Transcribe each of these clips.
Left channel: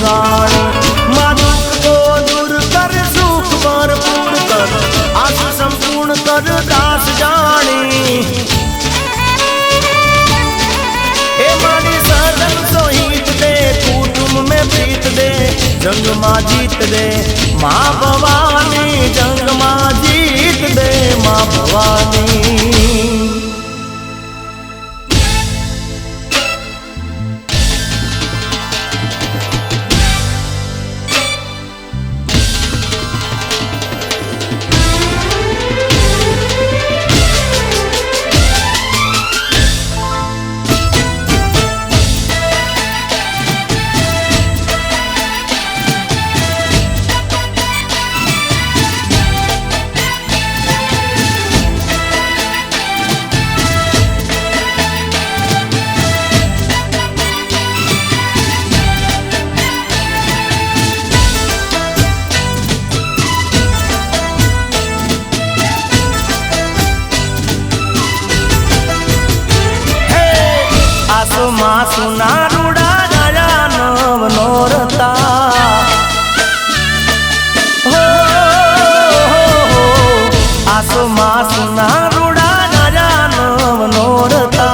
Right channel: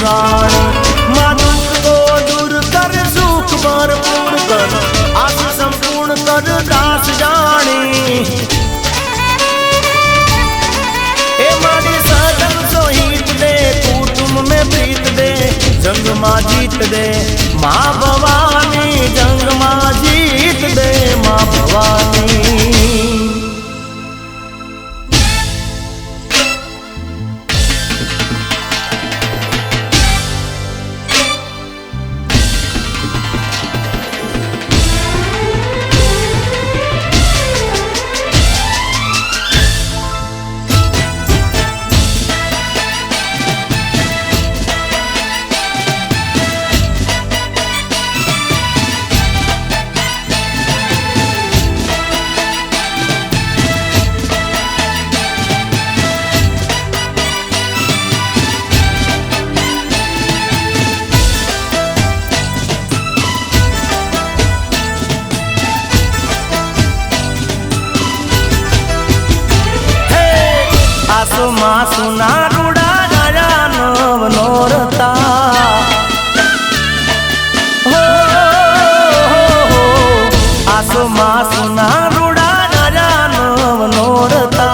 પુરાણી માદુક કો દૂર કર સુખ ભરપૂર કર આશ સંપૂર્ણ કર દાસ જાણી એ મારી સદન સોહિત દે કુટુંબ में प्रीत दे जंग मां जीत दे मां भवानी जंग मां जीत दे मां भवानी सुना रूड़ा राजा नव नोरता हो आसो मां सुना रूड़ा राजा नव नोरता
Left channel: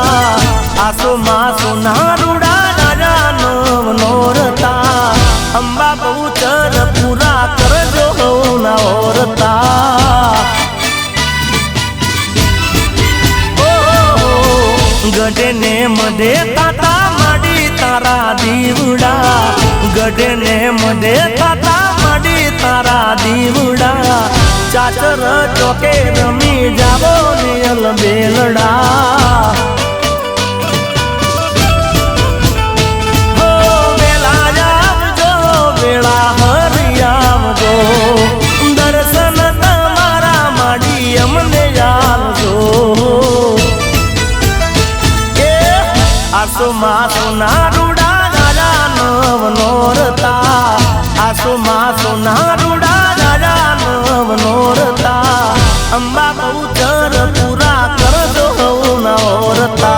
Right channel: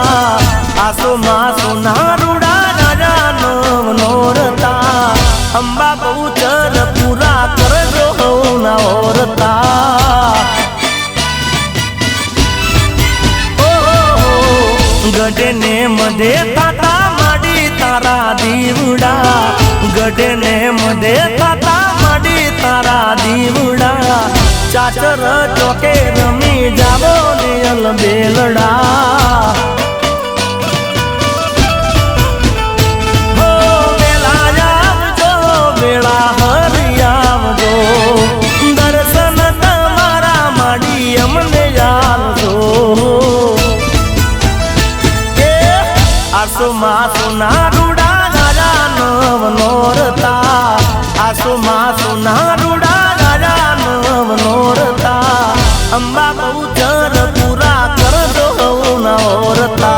आसो मां सुना रूड़ा राजा नव नोरता अंबा बहुचर पूरा करजो नोरता गडे ने मधे दीवड़ा गडे ने मधे पाता मडी तारा दीवड़ा चाचर चौके रमी जालो नियल बेलड़ा बेला आवजो बेला भरी आवजो दर्शन तमारा मडी अमने आवजो आसो मां सुना सुना रूड़ा राजा नव नोरता अंबा बहुचर पूरा कर दो नोरता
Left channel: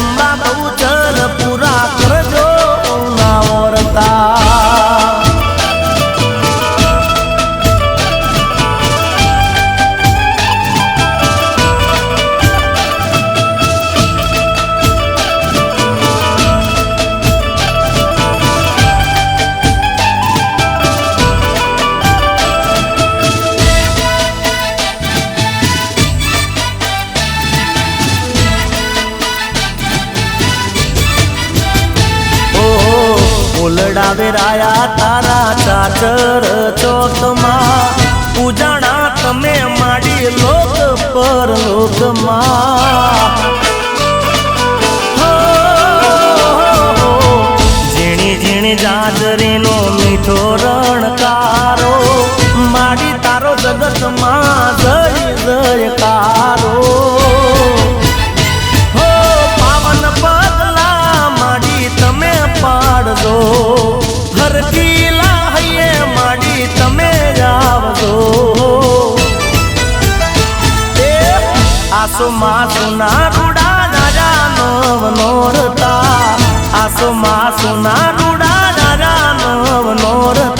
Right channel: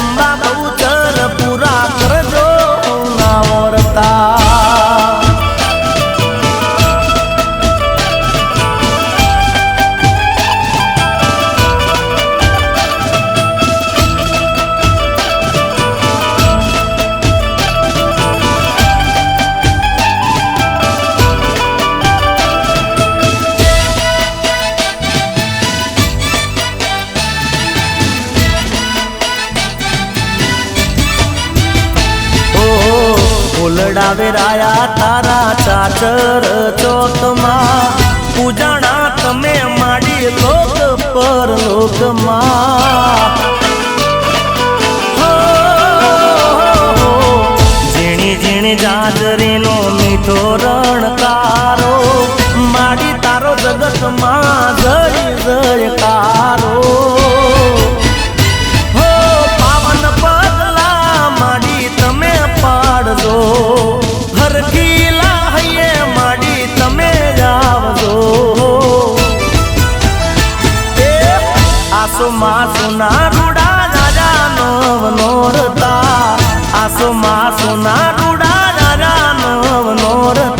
अंबा बहुचर पूरा कर दो नोरता उलडावे राया तारा चाचर चौथमा पूजाणा तमे माडी लोक पर लोकमा झीणी झीणी जाजरीनो मीठो रणकारो माडी तारो जगतमा जय जयकारो पावन पगला माडी तमे पाडजो हरकीला हये माडी तमे जावजो आसो मां सुना रूड़ा राजा नव नोरता आसो मां सुना रूड़ा राजा नव नोरता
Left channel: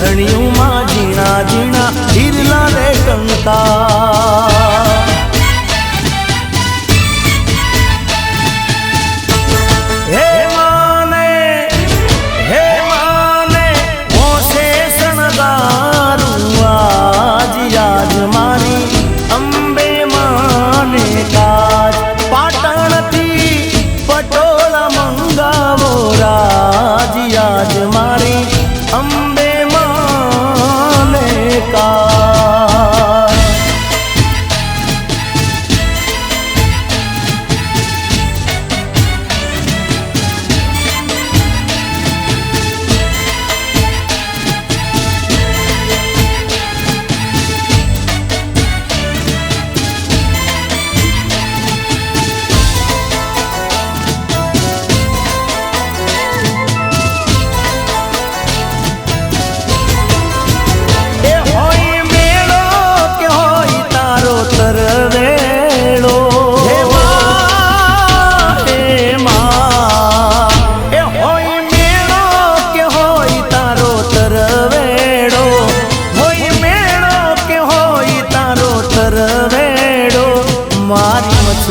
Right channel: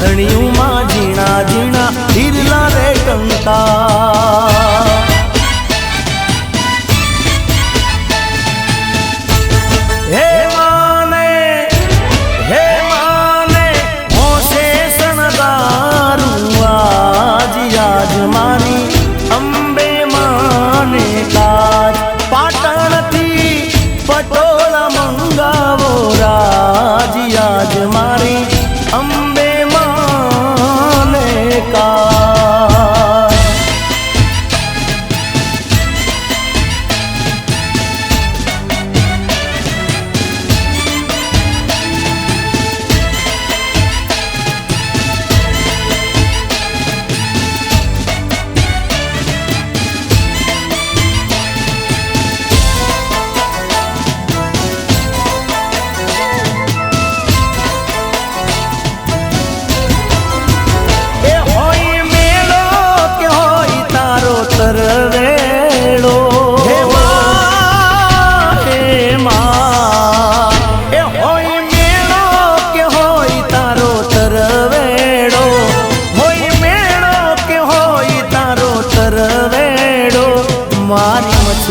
ધણિયુંમાં ઝીણા ઝીણા હીરલા રે કંકા હે માને હોશે શણગારું આજ યાદ મારી અંબે માને કાજ પાટણથી પટોળ મંગાવો રાજ યાદ મારી અંબે માને કાજ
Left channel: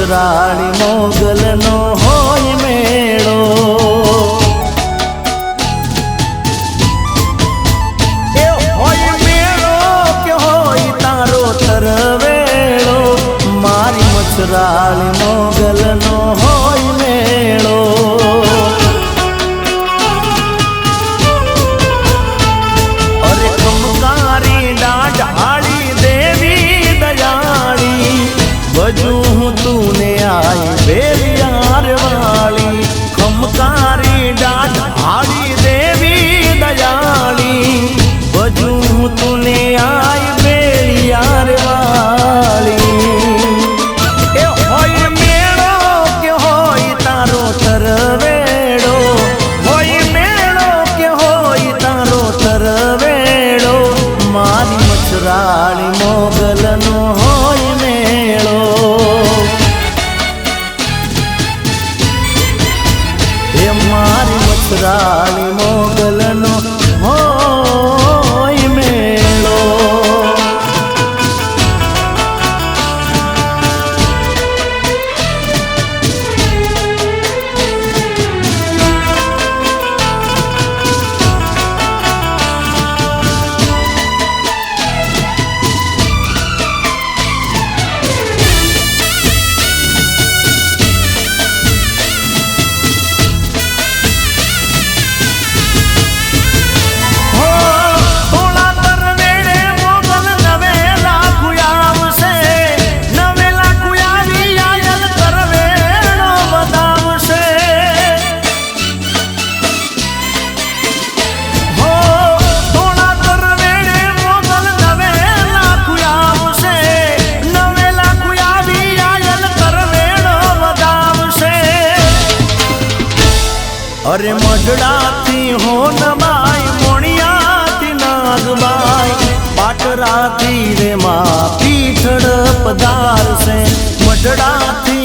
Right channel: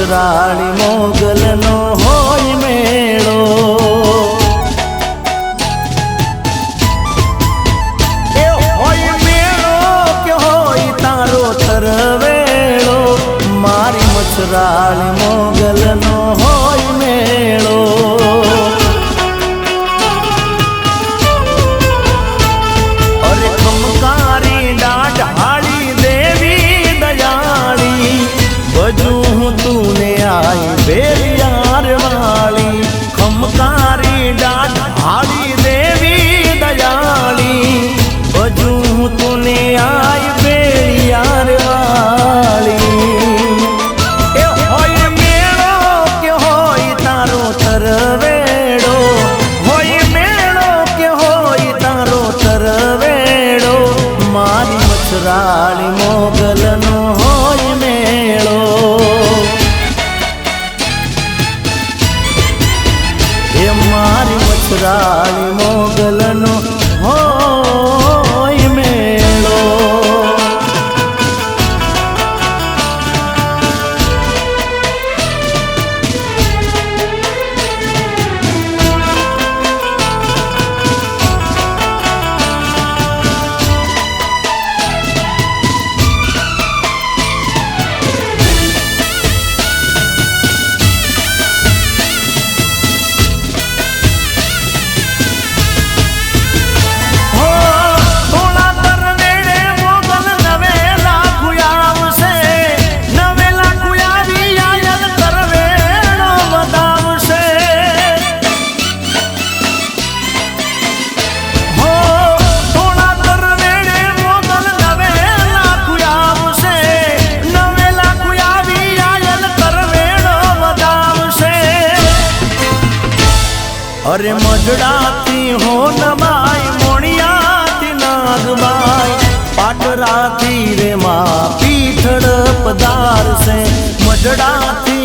રાણી મોગલનો હોય મેળો એ હોય મેળો કે હોય તારો તરવેળો મારી મસરાણી મોગલનો હોય મેળો અરે કુંકારી ડાઢાળી દેવી દયાળી બજુ तूने आई बेरियार वाली हमकारी डाढ़ाली देवी दयाली बजू तूने आई बेरियार वाली ए होय मेळो के होय तारो तरवेड़ो होय मेळो के होय तारो तरवेड़ो मारी मसराणी मोगलनो होय मेळो એ મારી મસરાણી મોગલનો હોય મેળો अरे मजड़ाती हो नमाई मोणियाती नागमाई पाटराती रे माँ पीठड़ पदार से मजड़ाती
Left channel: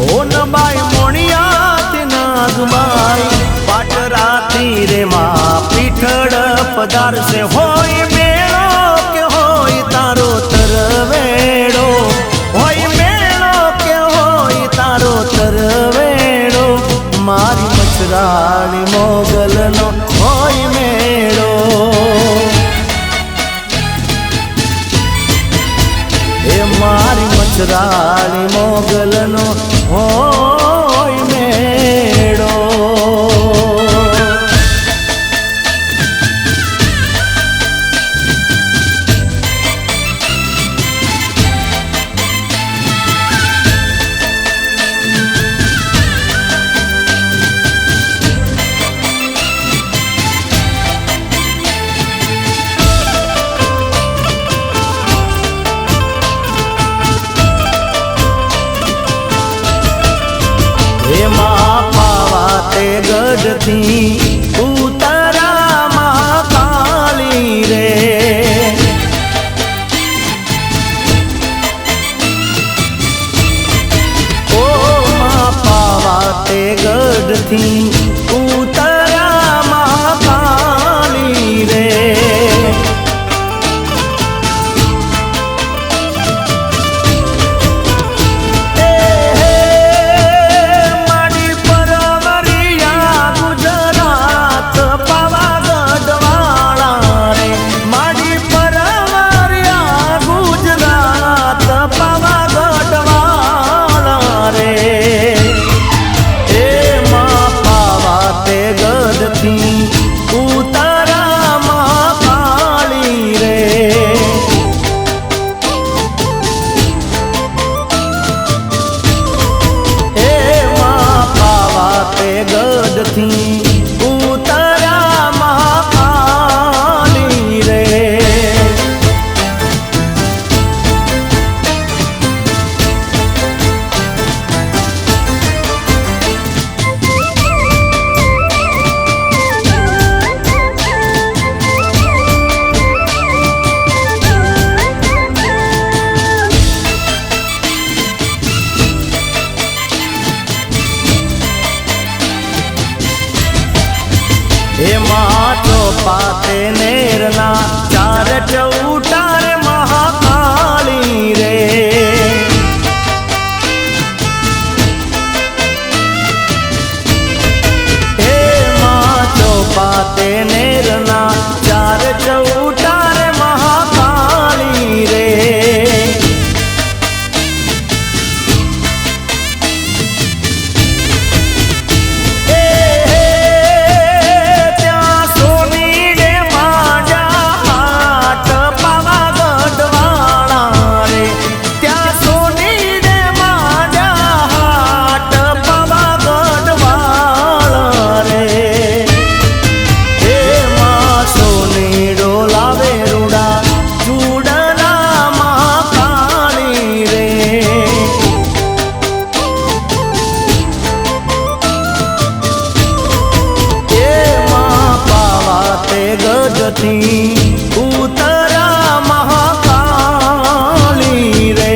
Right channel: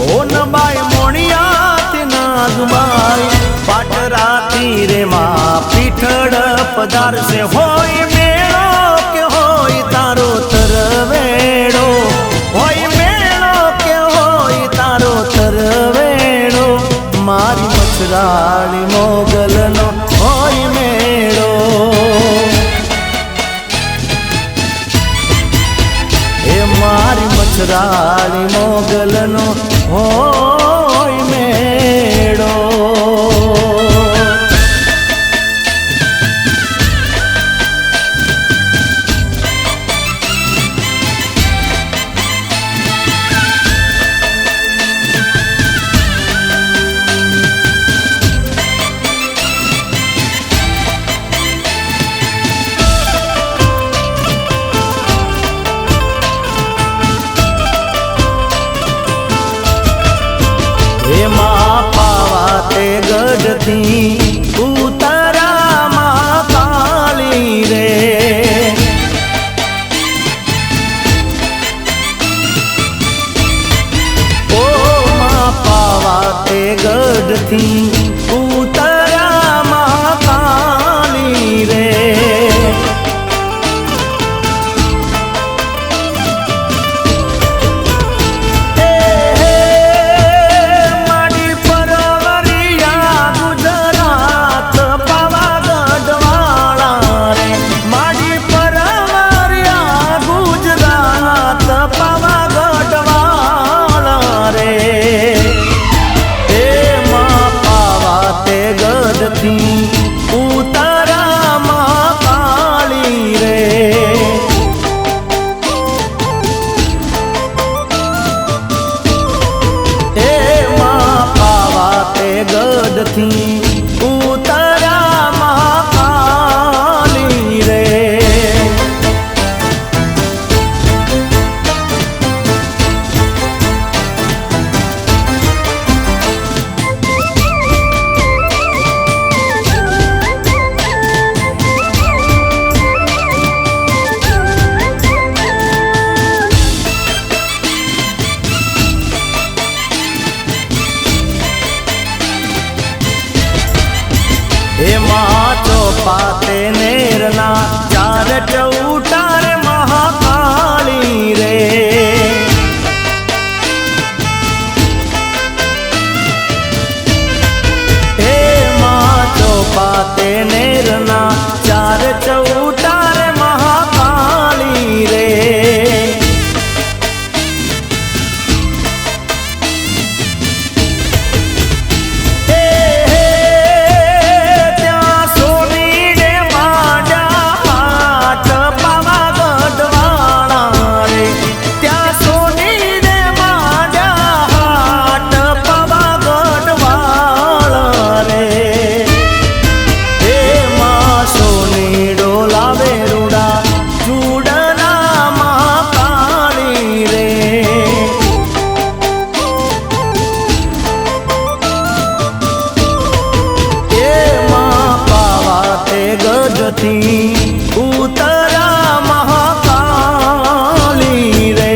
हो नमाई मोणियाती नागमाई पाटराती रे माँ पीठड़ पदार से होय मेळो के होय तारो तरवेड़ो होय मेळो के होय तारो तरवेड़ो मारी मसराणी मोगलनो होय मेळो हे मारी मसराणी मोगलनो होय मेळो हे माता ते गढ़ती उतरा माँ काली रे ओ माँ पावा ते गढ़ती उतरा माँ काली रे ઉતરા મહાકાળી રે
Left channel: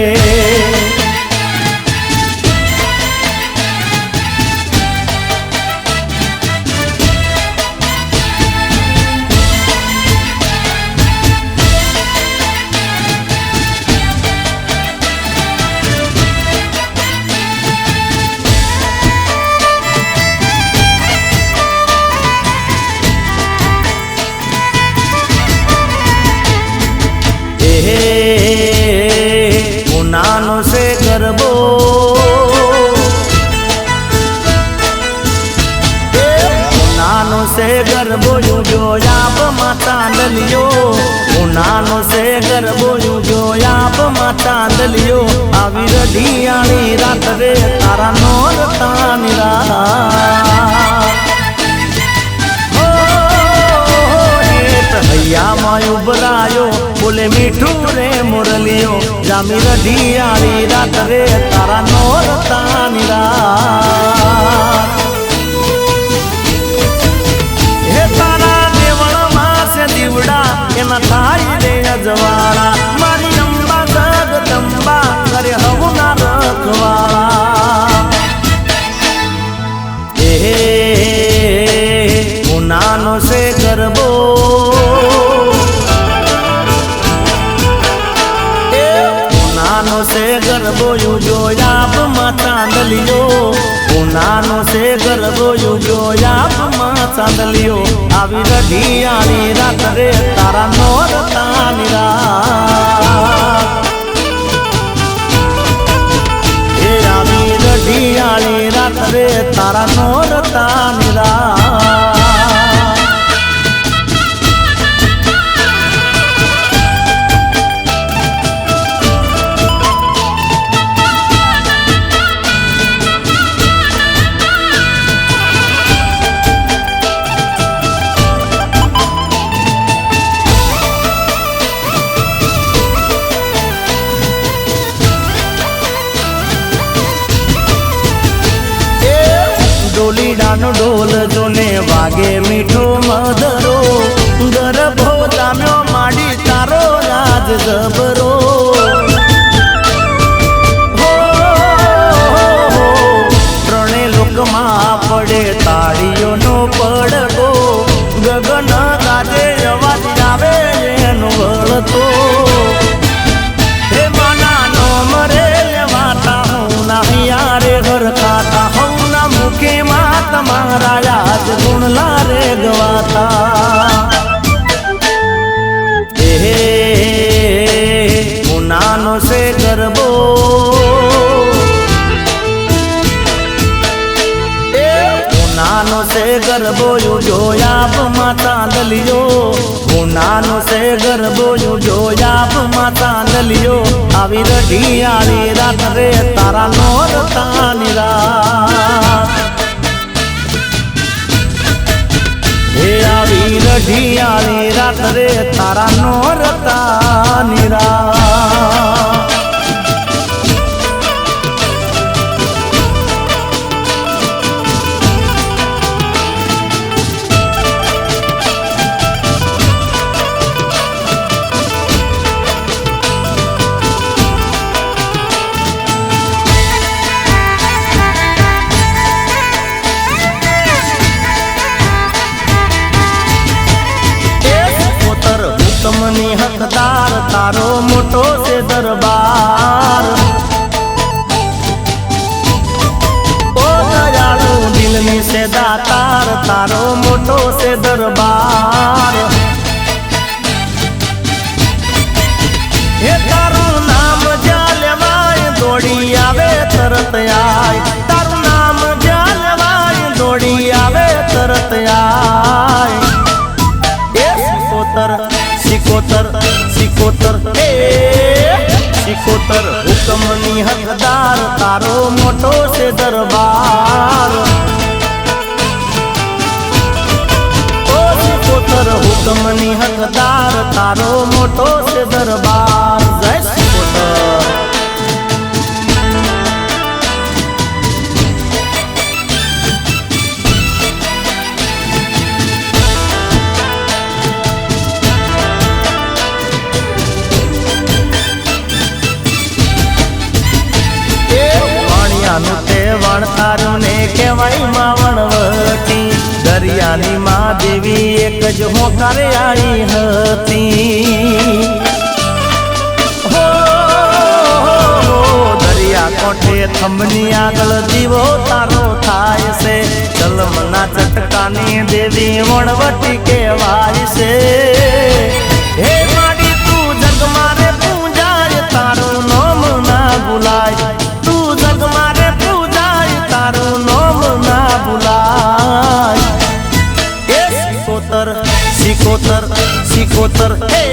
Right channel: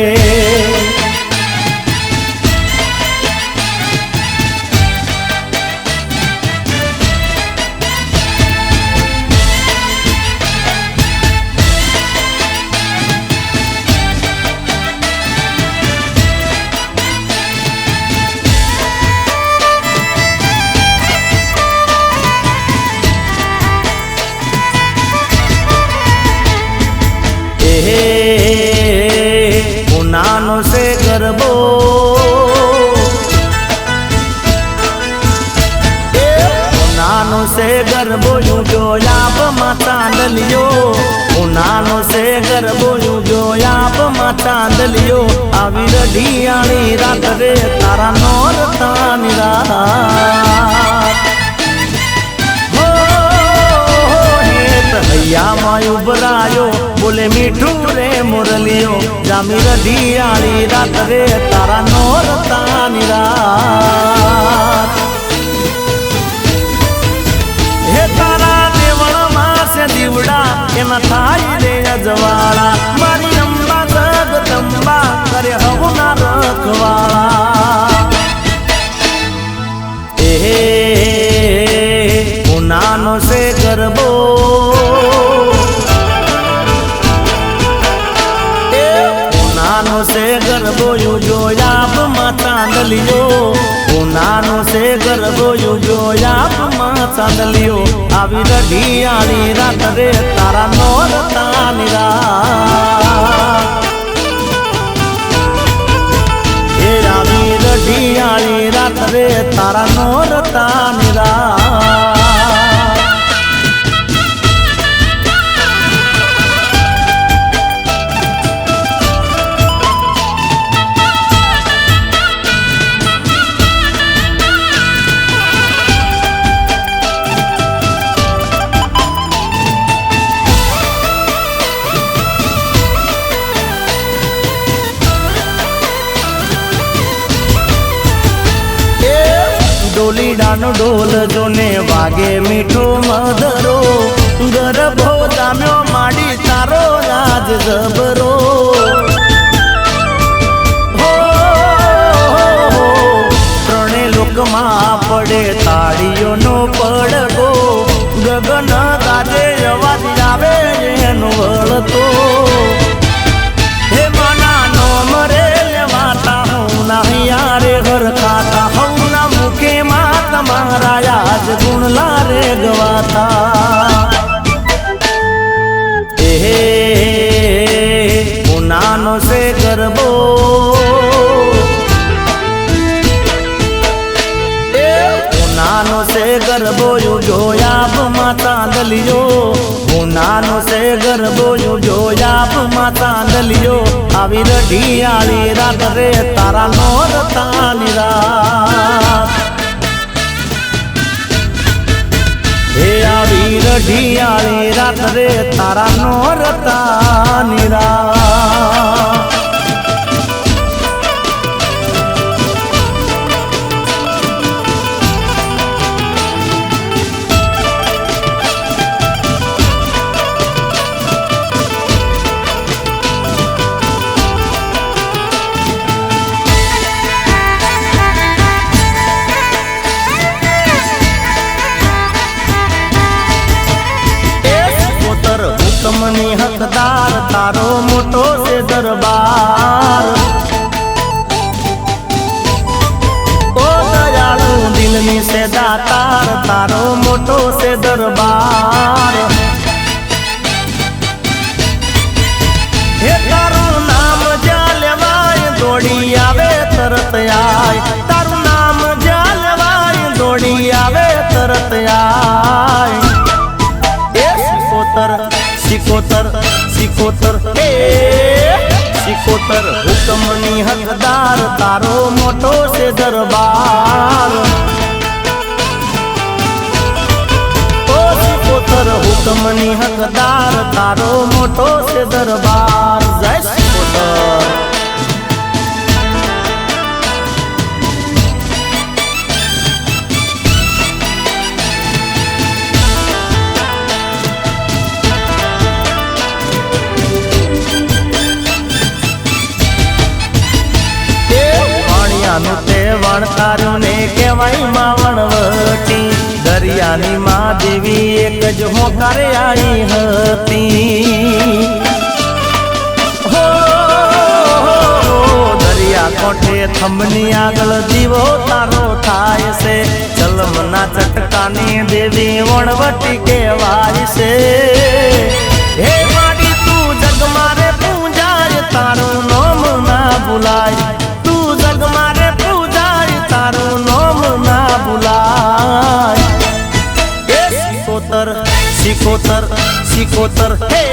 ઉનાનો સે ગરબો ઉનાનો સે ગરબો જોયા ચાંદલિયો ઉનાનો સે ગરબો જોયા ચાંદલિયો આવી રઢિયાણી રાત રે તારા નોરતાની રાત હૈયામાં ઉભરાયો બોલે મીઠું રે મુરલીઓ જામી રઢિયાળી રાત રે તારા નોરતાની રાત હે તારા દેવળમાં છે દીવડા એના થાય રે અજવાળા મારી અંબા જગદંબા કરે હવના રખવાળા ઉનાનો સે ગરબો સે ગરબો જોયા ચાંદલિયો ઉનાનો સે ગરબો જોયા ચાંદલિયો આવી રઢિયાળી રાત રે તારા નોરતાની રાત હે આવી રઢિયાળી રાત રે તારા નોરતાની રાત ડોલીડાનો ઢોલ જોને વાગે મીઠો મધરો ગરબો જામ્યો માડી તારો રાજ જબરો ત્રણે લોકમાં પડે તાળીઓનો પડતો ગગન ગાજે અવાજ આવે એનો વળતો હે મનાનો મરે માતા હું ના યારે ઘર ખાતા કે માં તમારા યાદ ગુણલા રે ગવાતા ઉનાનો સે ગરબો ઉનાનો સે ગરબો જોયા ચાંદલિયો ઉનાનો સે ગરબો જોયા ચાંદલિયો આવી રઢિયાળી રાત રે તારા નોરતાની રાત હે આવી રઢિયાળી રાત રે તારા નોરતાની રાત હુકમની હકદાર તારો મોટો છે દરબાર ઓ દયાળુ દિલની છે દાતાર તારો મોટો છે દરબાર હે તારું નામ જ્યાં લેવાય દોડી આવે તરત આય તારું નામ જ્યાં લેવાય દોડી આવે તરત આય સિકોતર સિકોતર સિકોતર હુકમની હકદાર તારો મોટો છે દરબાર ઓ સિકોતર હુકમની હકદાર તારો મોટો છે દરબાર જય સિકોતર જ હોકારે આવી હતી હો દરિયા કોઠે થંભની આગળ દીવો તારો થાય છે ચલમના ચટકાની દેવી વણવટી કહેવાય છે હે માડી તું જગ મારે પૂજાય તારું નામ ના ભૂલાય તું જગ મારે પૂજાય તારું નામ ના ભૂલાય એ સિકોતર હે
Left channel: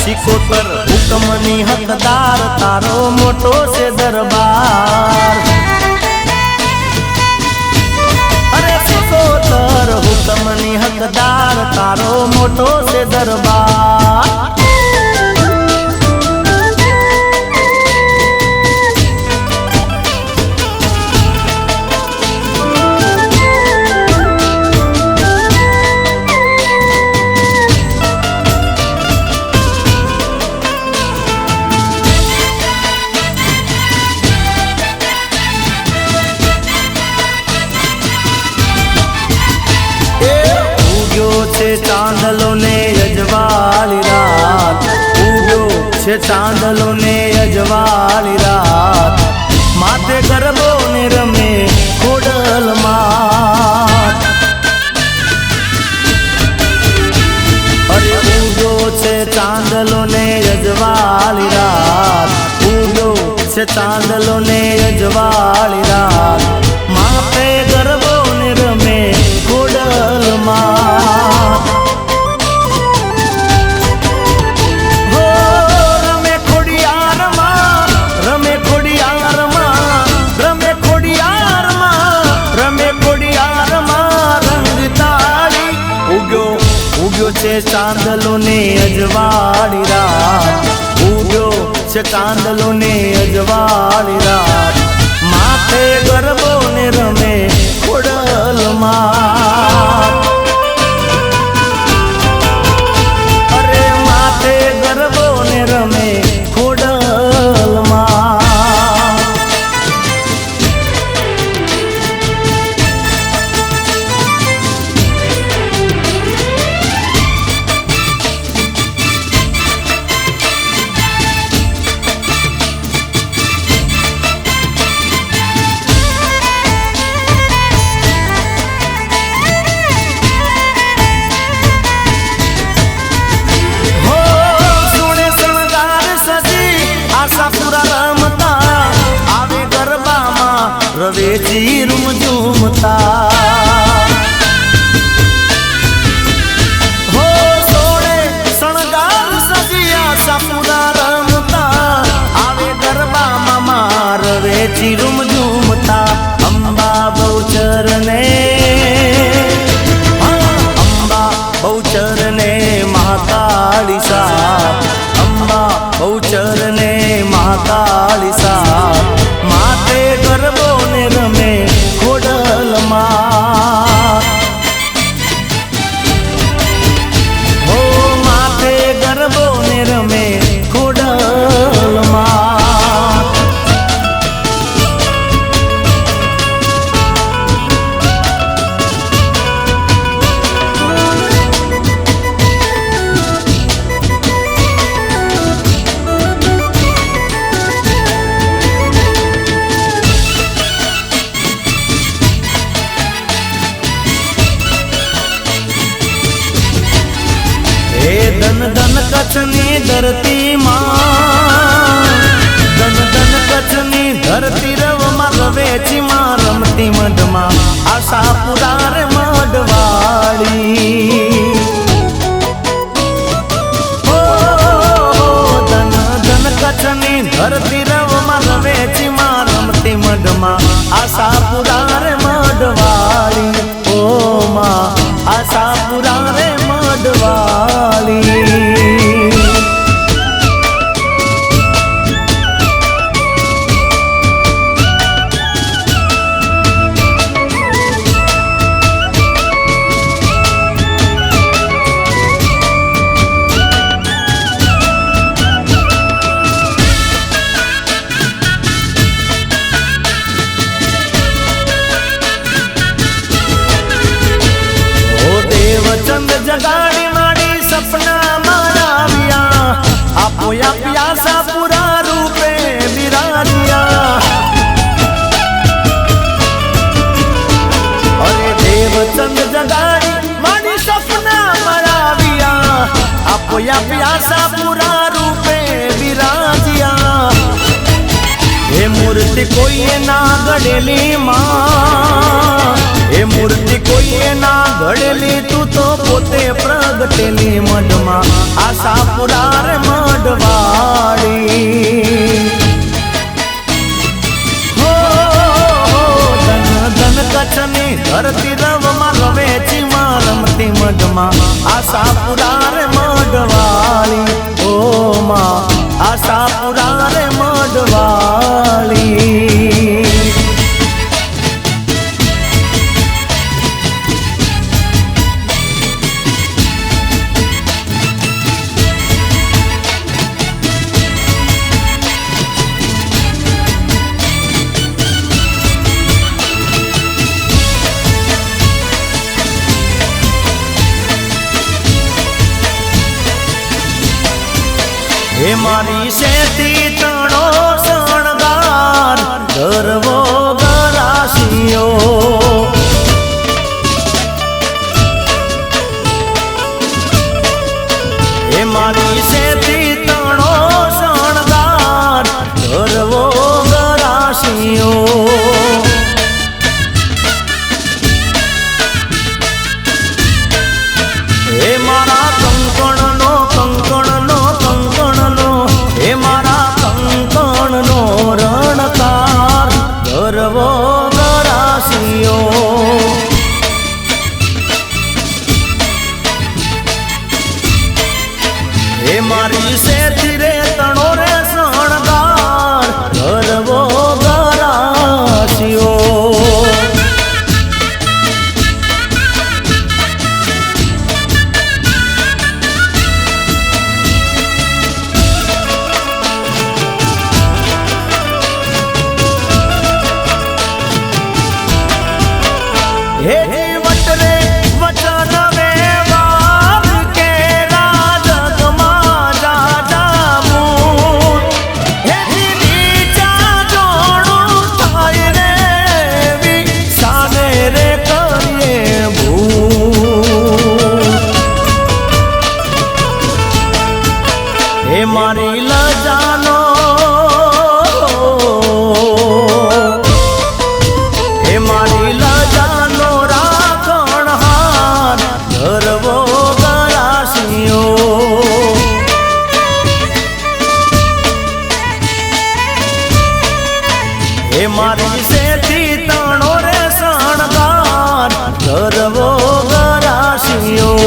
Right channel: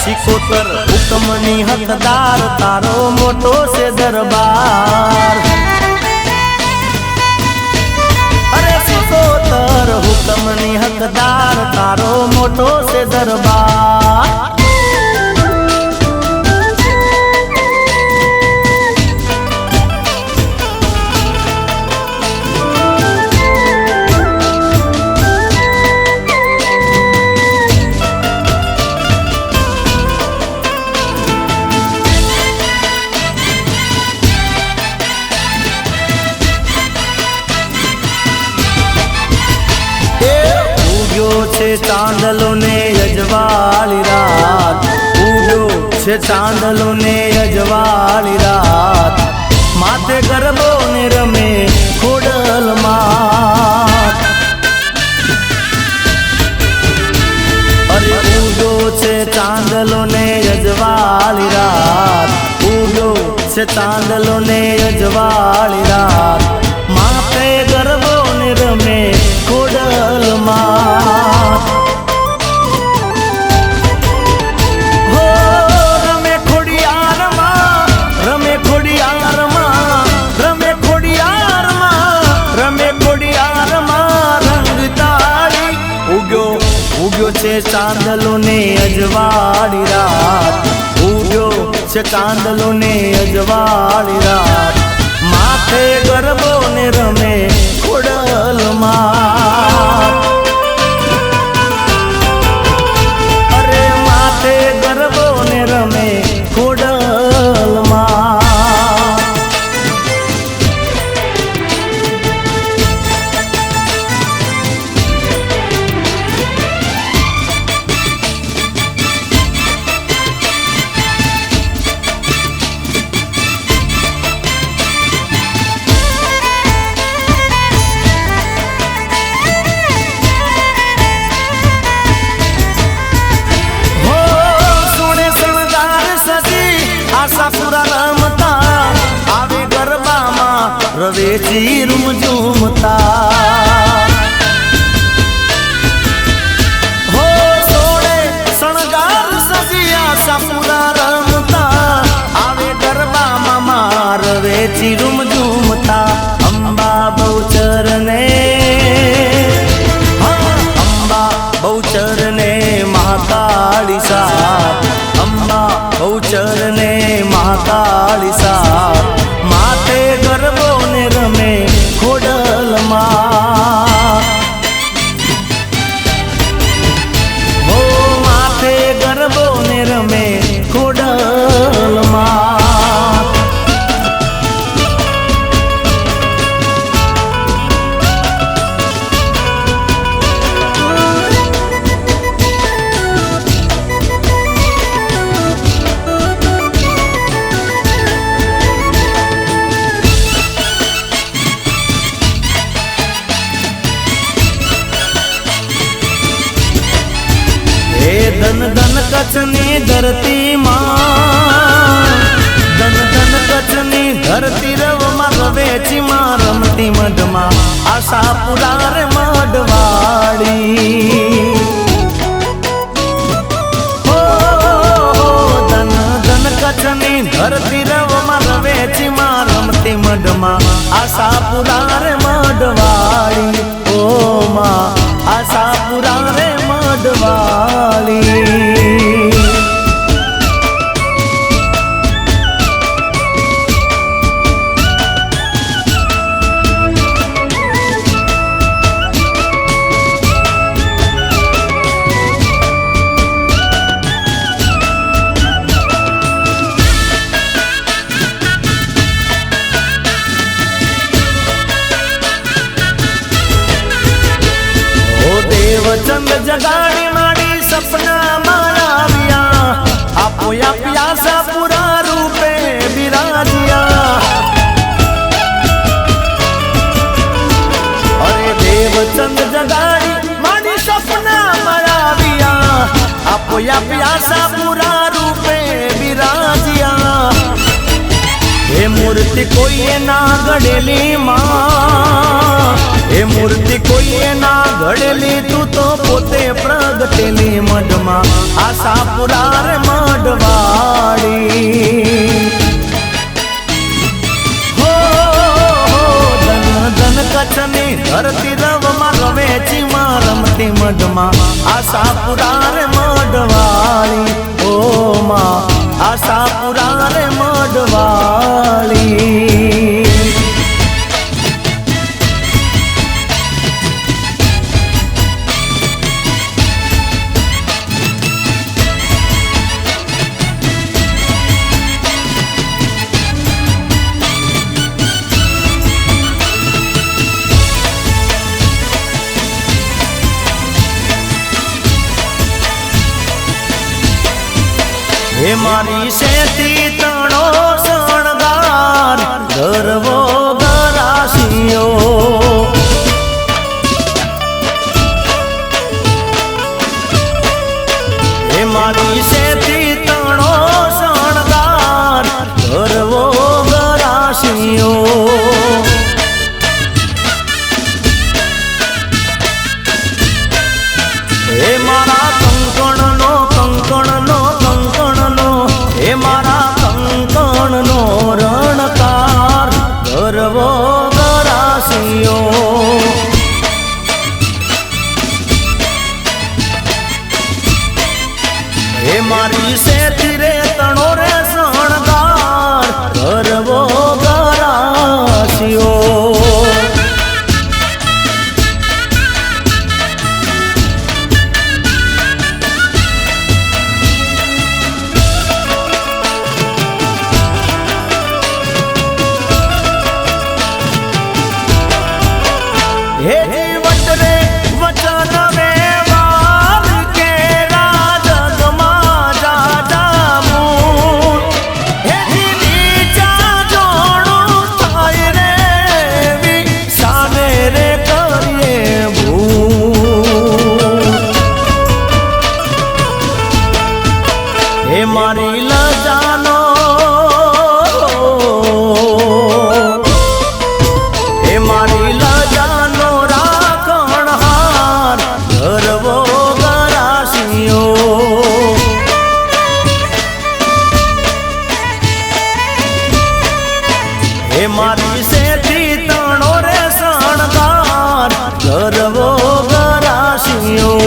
સિકોતર હુકમની હકદાર તારો મોટો છે દરબાર અરે સિકોતર હુકમની હકદાર તારો મોટો છે દરબાર ચાંદલો ને અજવાળી રાત ઉગ્યો છે ચાંદલો ને અજવાળી રાત માથે ગરબો ને રમે ખોડલમાં અરે ઉગ્યો છે ચાંદલો ને અજવાળી રાત ઉગ્યો છે ચાંદલો ને અજવાળી રાત માથે ગરબો ને રમે ખોડલમાં ઉગ્યો છે ચાંદલો ને અજવાળી રાત ઉગ્યો છે ચાંદલો ને અજવાળી રાત માથે ગરબો ને રમે ખોડલમાં અરે માથે ગરબો ને રમે ખોડલમાં રવેચી રૂમઝૂમતા હો સોળે શણગાર સજિયા સપના રમતા આવે ગરબામાં રવેચી રૂમઝૂમતા અંબા બહુચર ને અંબા બહુચર ને મહાકાળી સાપ અંબા બહુચર ને મહાકાળી સાપ માથે ગરબો રમે ખોડલમાં હો માથે ગરબો ને રમે ખોડલમાં ધન ધન કચ્છની ધરતીમાં ધન ધન કચ્છની ધરતી રવમાં રવેચીમાં રમતી મઢમાં આશાપુરા રે મઢવાળી હો ધન ધન કચ્છની ધરતી રવમાં રવેચીમાં રમતી મઢમાં આશાપુરા રે મઢવાળી ઓ માં આશાપુરા રે મઢવાળી દેવચંદ્ર આશાપુરા રૂપે બિરાજ્યા એ મૂર્તિ કોઈએ ના ઘડેલી માં એ મૂર્તિ કોઈએ ના ઘડેલી તું તો પોતે પ્રગટેલી મઢમાં આશાપુરા રે મઢવાડી કચ્છની ધરતી રવમાં રમે ચીમાં રમતી મઢમાં આશાપુરા રે મઢવાળી ઓ માં આશાપુરા રે મઢવાળી હે મારી શેતી તણો શણગાર ગરવો ગરાશિયો હે મારી શેતી તણો શણગાર ગરવો ગરાશિયો હે મારા હે મારા કંકણનો રણકાર ગરવો ગરાશિયો હે મારી શેતી રે તણો રે શણગાર ગરવો ગરાશિયો હે જીવટ રે વચન વ્યવહાર કેરા જગમાં જાજામું હે નીચા જોડું થાય રે સામે રે કરીએ ભૂ હે મારી લજાનો હે મારી લજાનો રાખણહાર ગરવો ગરાશિયો હે મારી શેતી તણો રે શણગાર ગરવો ગરાશિયો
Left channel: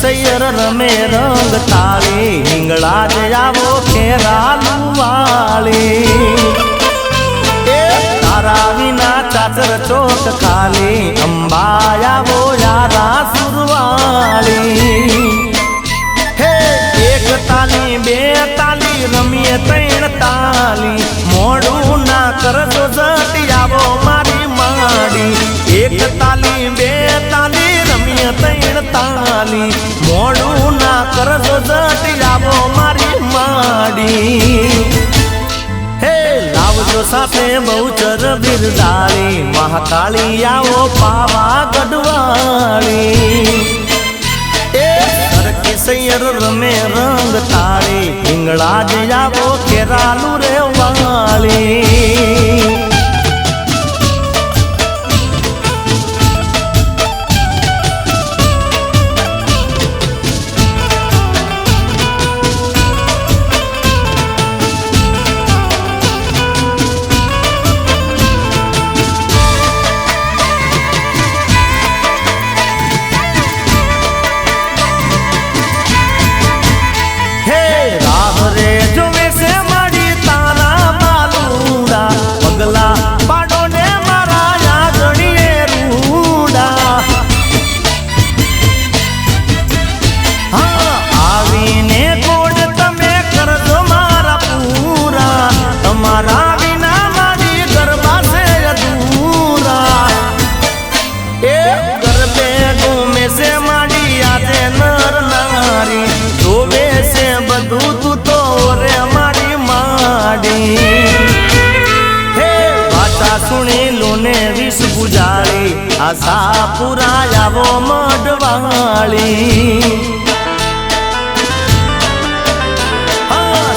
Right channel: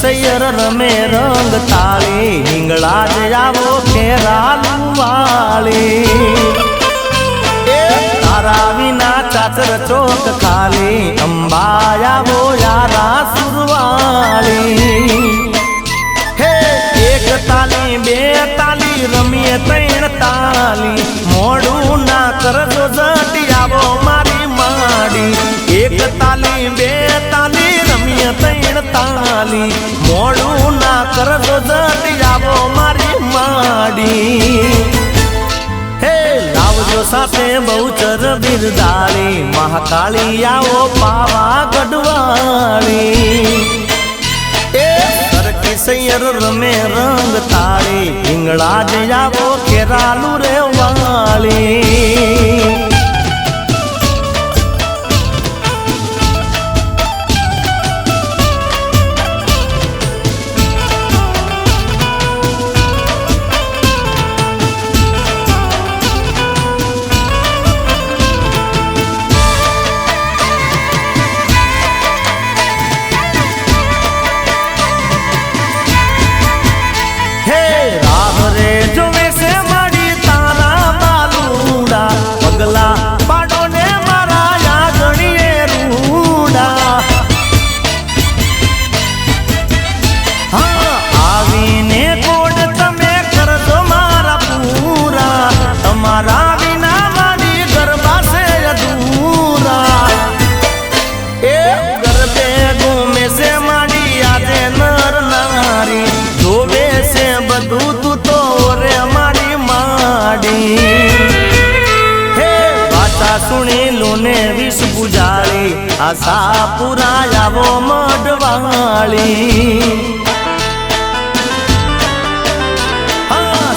સૈયર રમે રંગ તાળી હિંગળા જ આવો ખેરાલું વાળી એ તારા વિના ચાચર ચોક ખાલી અંબા આવો યારા સુરવાળી હે એક તાલી બે તાલી રમીએ ત્રણ તાલી મોડું ના કરજો જટી આવો મારી માડી એક તાલી બે તાલી રમીએ ત્રણ તાલી મોડું ના કરજો જટી આવો મારી માડી હે લાવજો સાથે બહુચર બિરદાળી મહાકાળી આવો પાવા ગઢવાળી એ સરખી સૈયર રમે રંગ તાળી હિંગળા જ આવો ખેરાલું રે વાળી હે રામ રે જો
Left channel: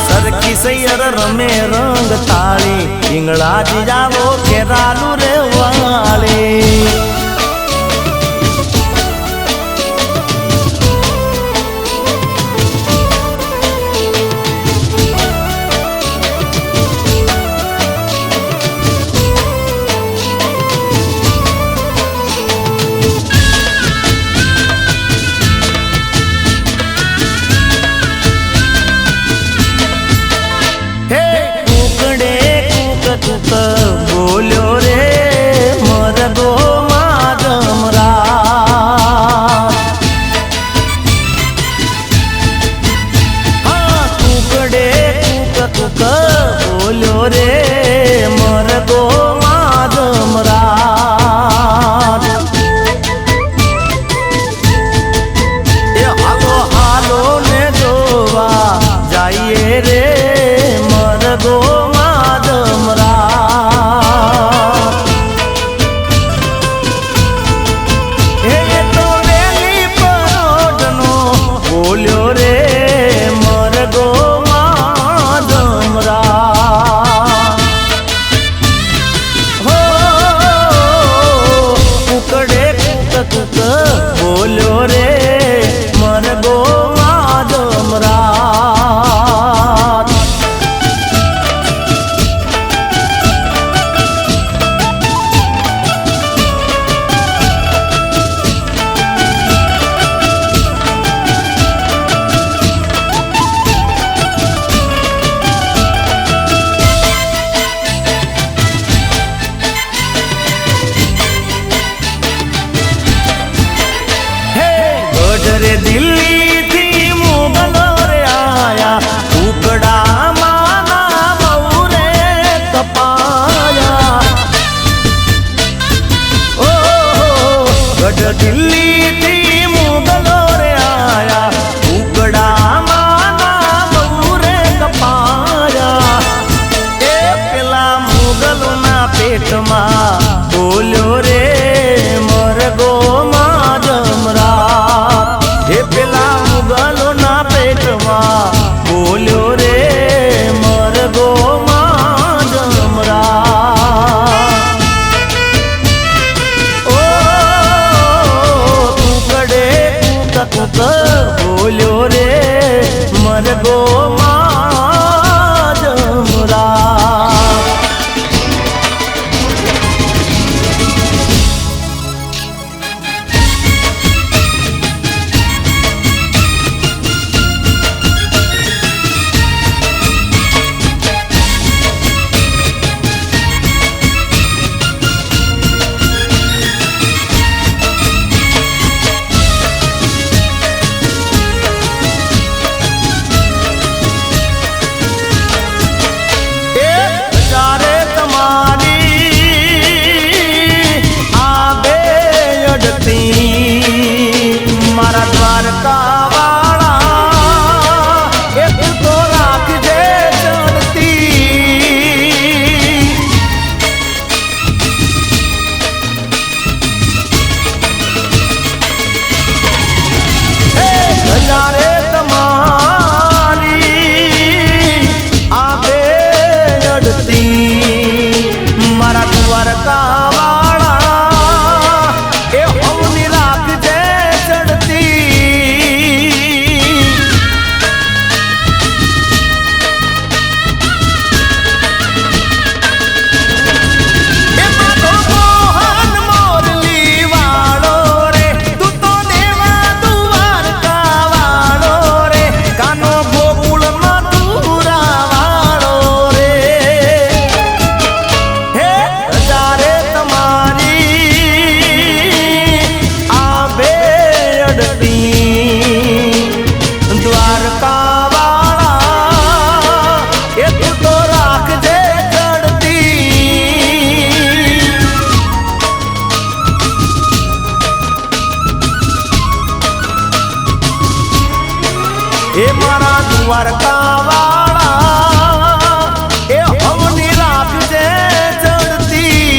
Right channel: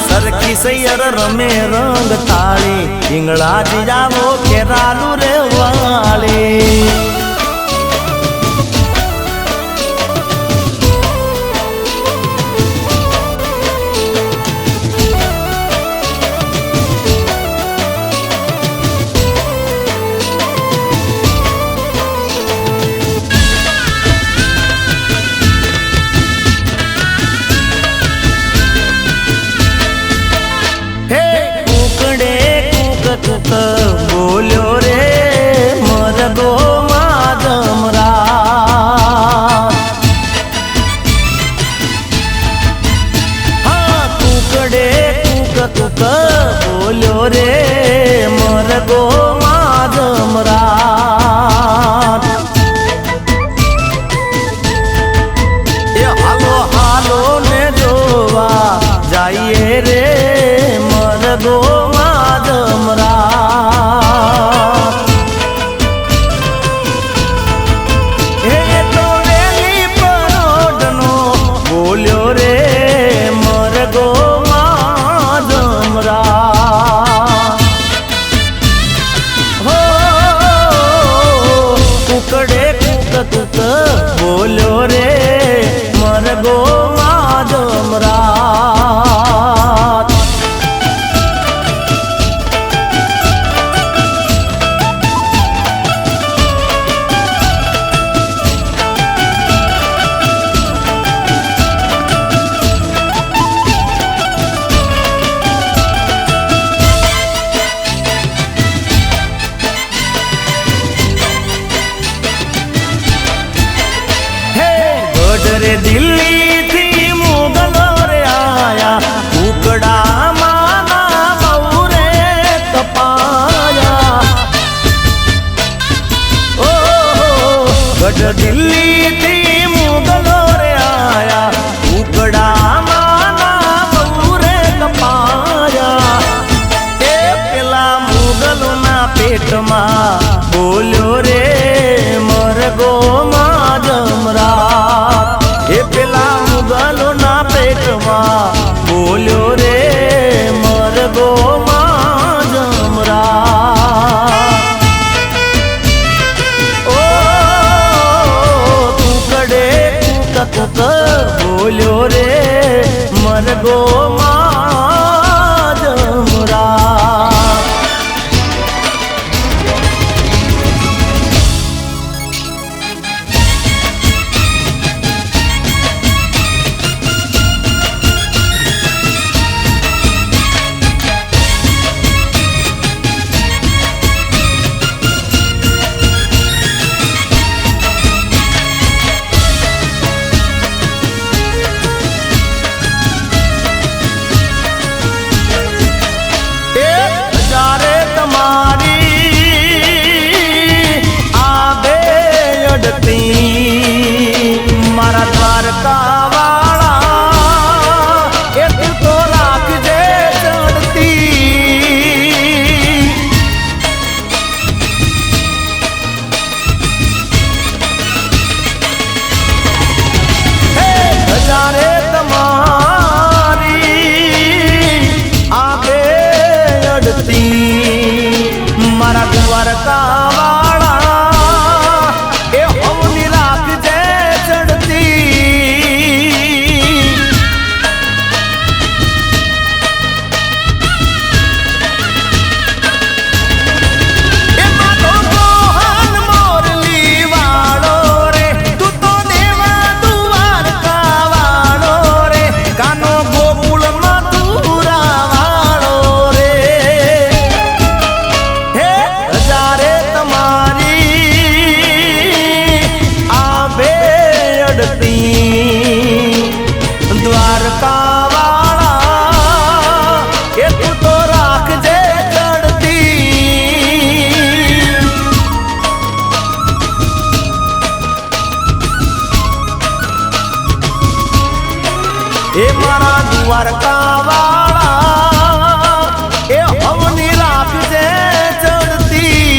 સરખી સૈયર રમે રંગ તાળી ઈંગળા જીજાવો કેરાલું રે વાળી કુકડે કુક કુક બોલ્યો રે મરદો માધમરા કુકડે કુક કુક બોલ્યો રે મરદો માધમરા એ હાલો હાલો ને જોવા જઈએ રે બોલ્યો રે મરગો માધમરા હો કુકડે કુક કુક બોલ્યો રે મરગો માધમરા रे दिल्ली थी मुगलो रे आया कुकड़ा माना बहु रे कपाया ओ गढ़ दिल्ली थी मुगलो रे आया कुकड़ा माना बहु रे कपाया ए पेला मुगलो ना पेट में बोल्यो रे मरगो એ પેલા મુગલો ના પેટમાં બોલ્યો રે મરગો માધમરા ઓ કુકડે કુક કુક બોલ્યો રે મરગો માધમરા મારા દ્વારકા વાળા એ તું રાખજે ચડતી હજારે તમારી આ બે અડતી મારા દ્વારકા દ્વારકા વાળા એ તું તો રાખજે ચડતી એ મારા દ્વારકા વાળા એ અમની રાખજે ચડતી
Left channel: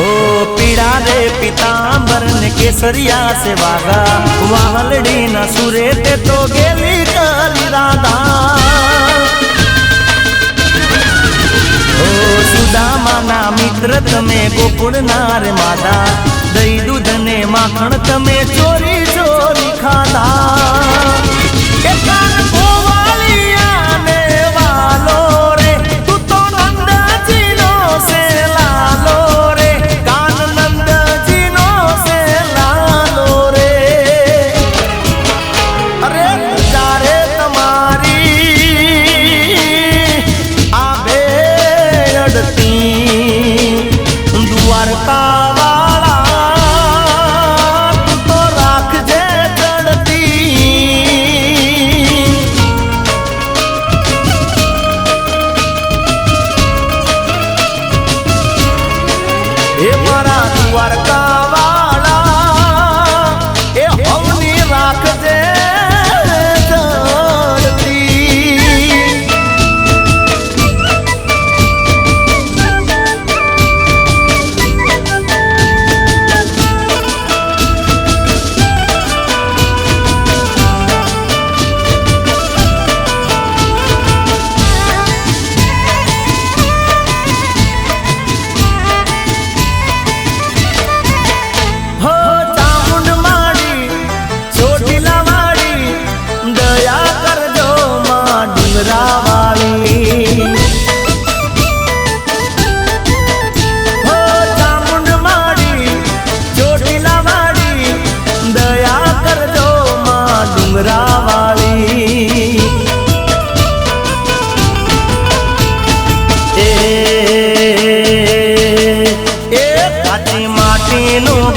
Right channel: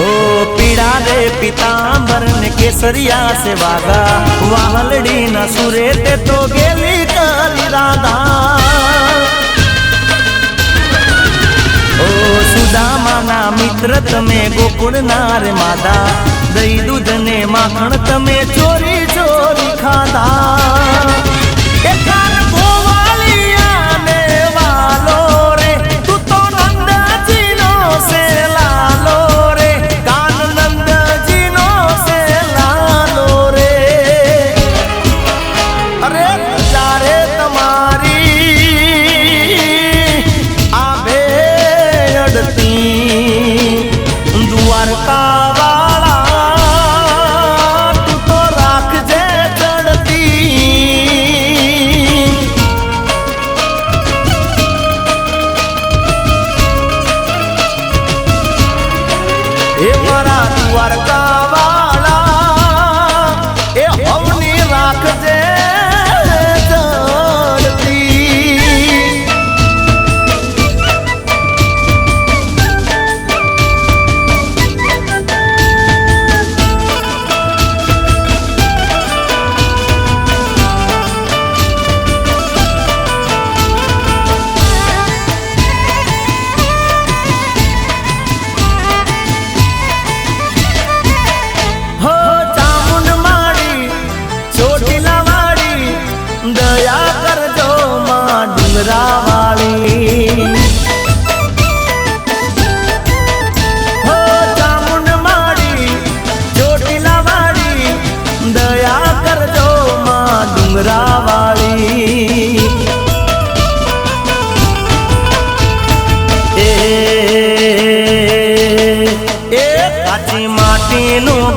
ओ पीड़ा रे पीतांबर ने केसरिया से वागा वावलड़ी न सुरे ते तो गेली काली राधा ओ सुदामा ना मित्र तमे गोकुल नार मादा दही दूध ने माखण तमे चोरी चोरी खादा ए मारा द्वारका वाला ए हवनी राख जे चढ़ती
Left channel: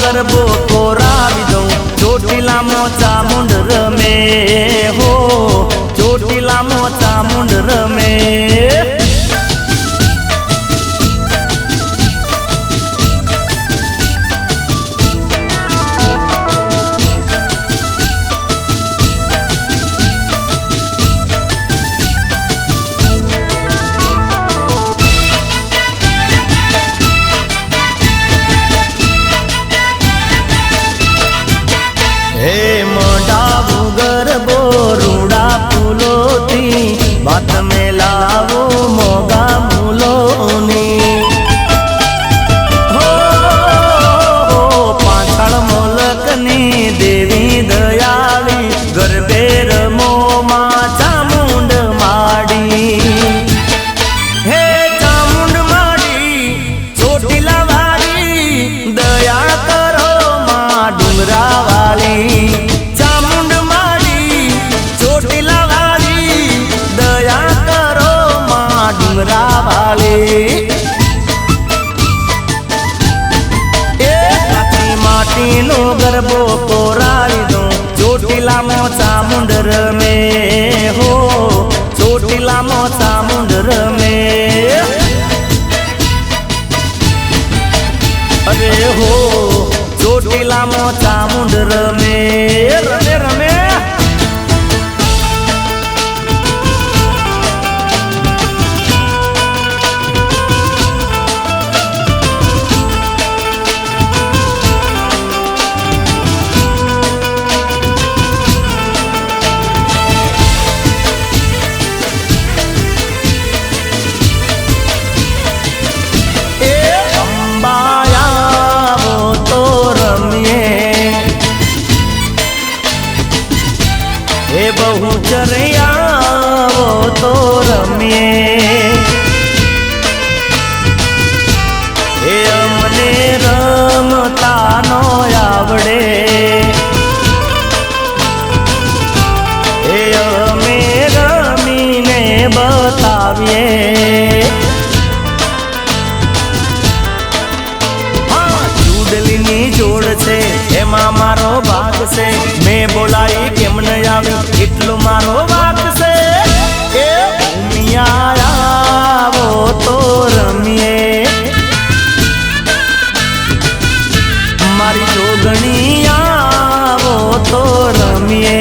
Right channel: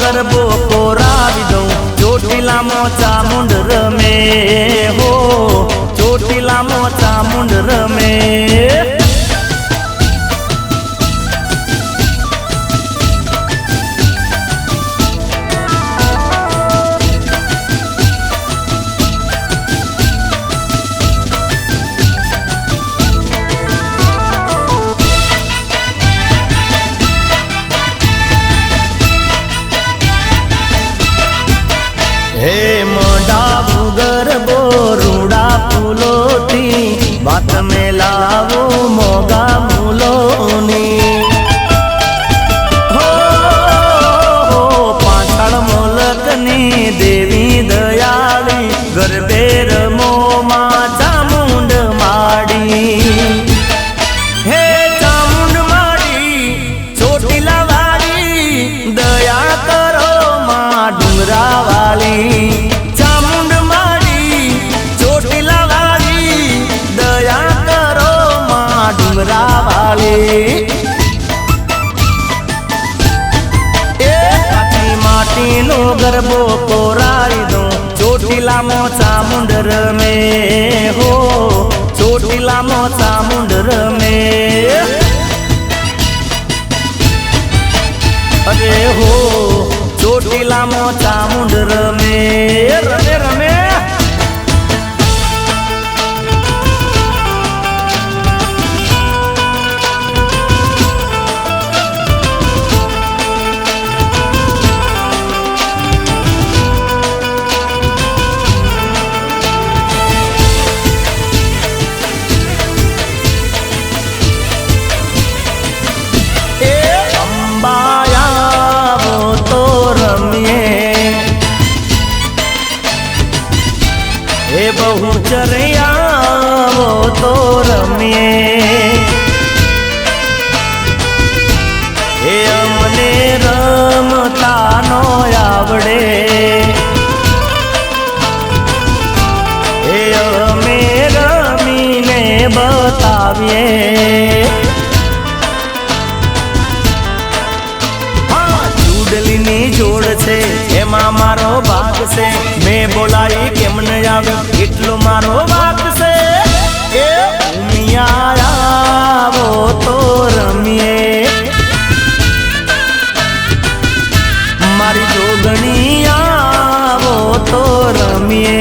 गरबो तोरावी दो ચોટીલા મોચા મુંડ રમે હો ચોટીલા મોચા મુંડ રમે हे मोडा भूगर दो रूड़ा फूलों थी बात में लावो मोगा मूलोनी हो पाछड़ मोलकनी देवी दयाली गरबे रमो मां चामुंड माड़ी हे चामुंड माड़ी ચોટીલા વાળી દયા કરો માं ડુંગરા चामुंड माड़ी ચોટીલા वाली दया करो मां डुंगरा वाली ए काची माटी नो गरबो तोराई दो ચોટીલા नो चामुंड रमे हो ચોટીલા नो चामुंड रमे अरे हो ચોટીલા નો ચામુંડ રમે રમે રમે हे बहु चरिया वो तो रमिए हे अमने रमता नो आवड़े हे अमे रमीने बताविए चूडली नी जोड़ छे एमा मारो भाग से मैं बोलाई केम न आवे એટલો મારો વાક છે એ ઉમિયા આવો તો રમીએ મારી જોગણી આવો તો રમીએ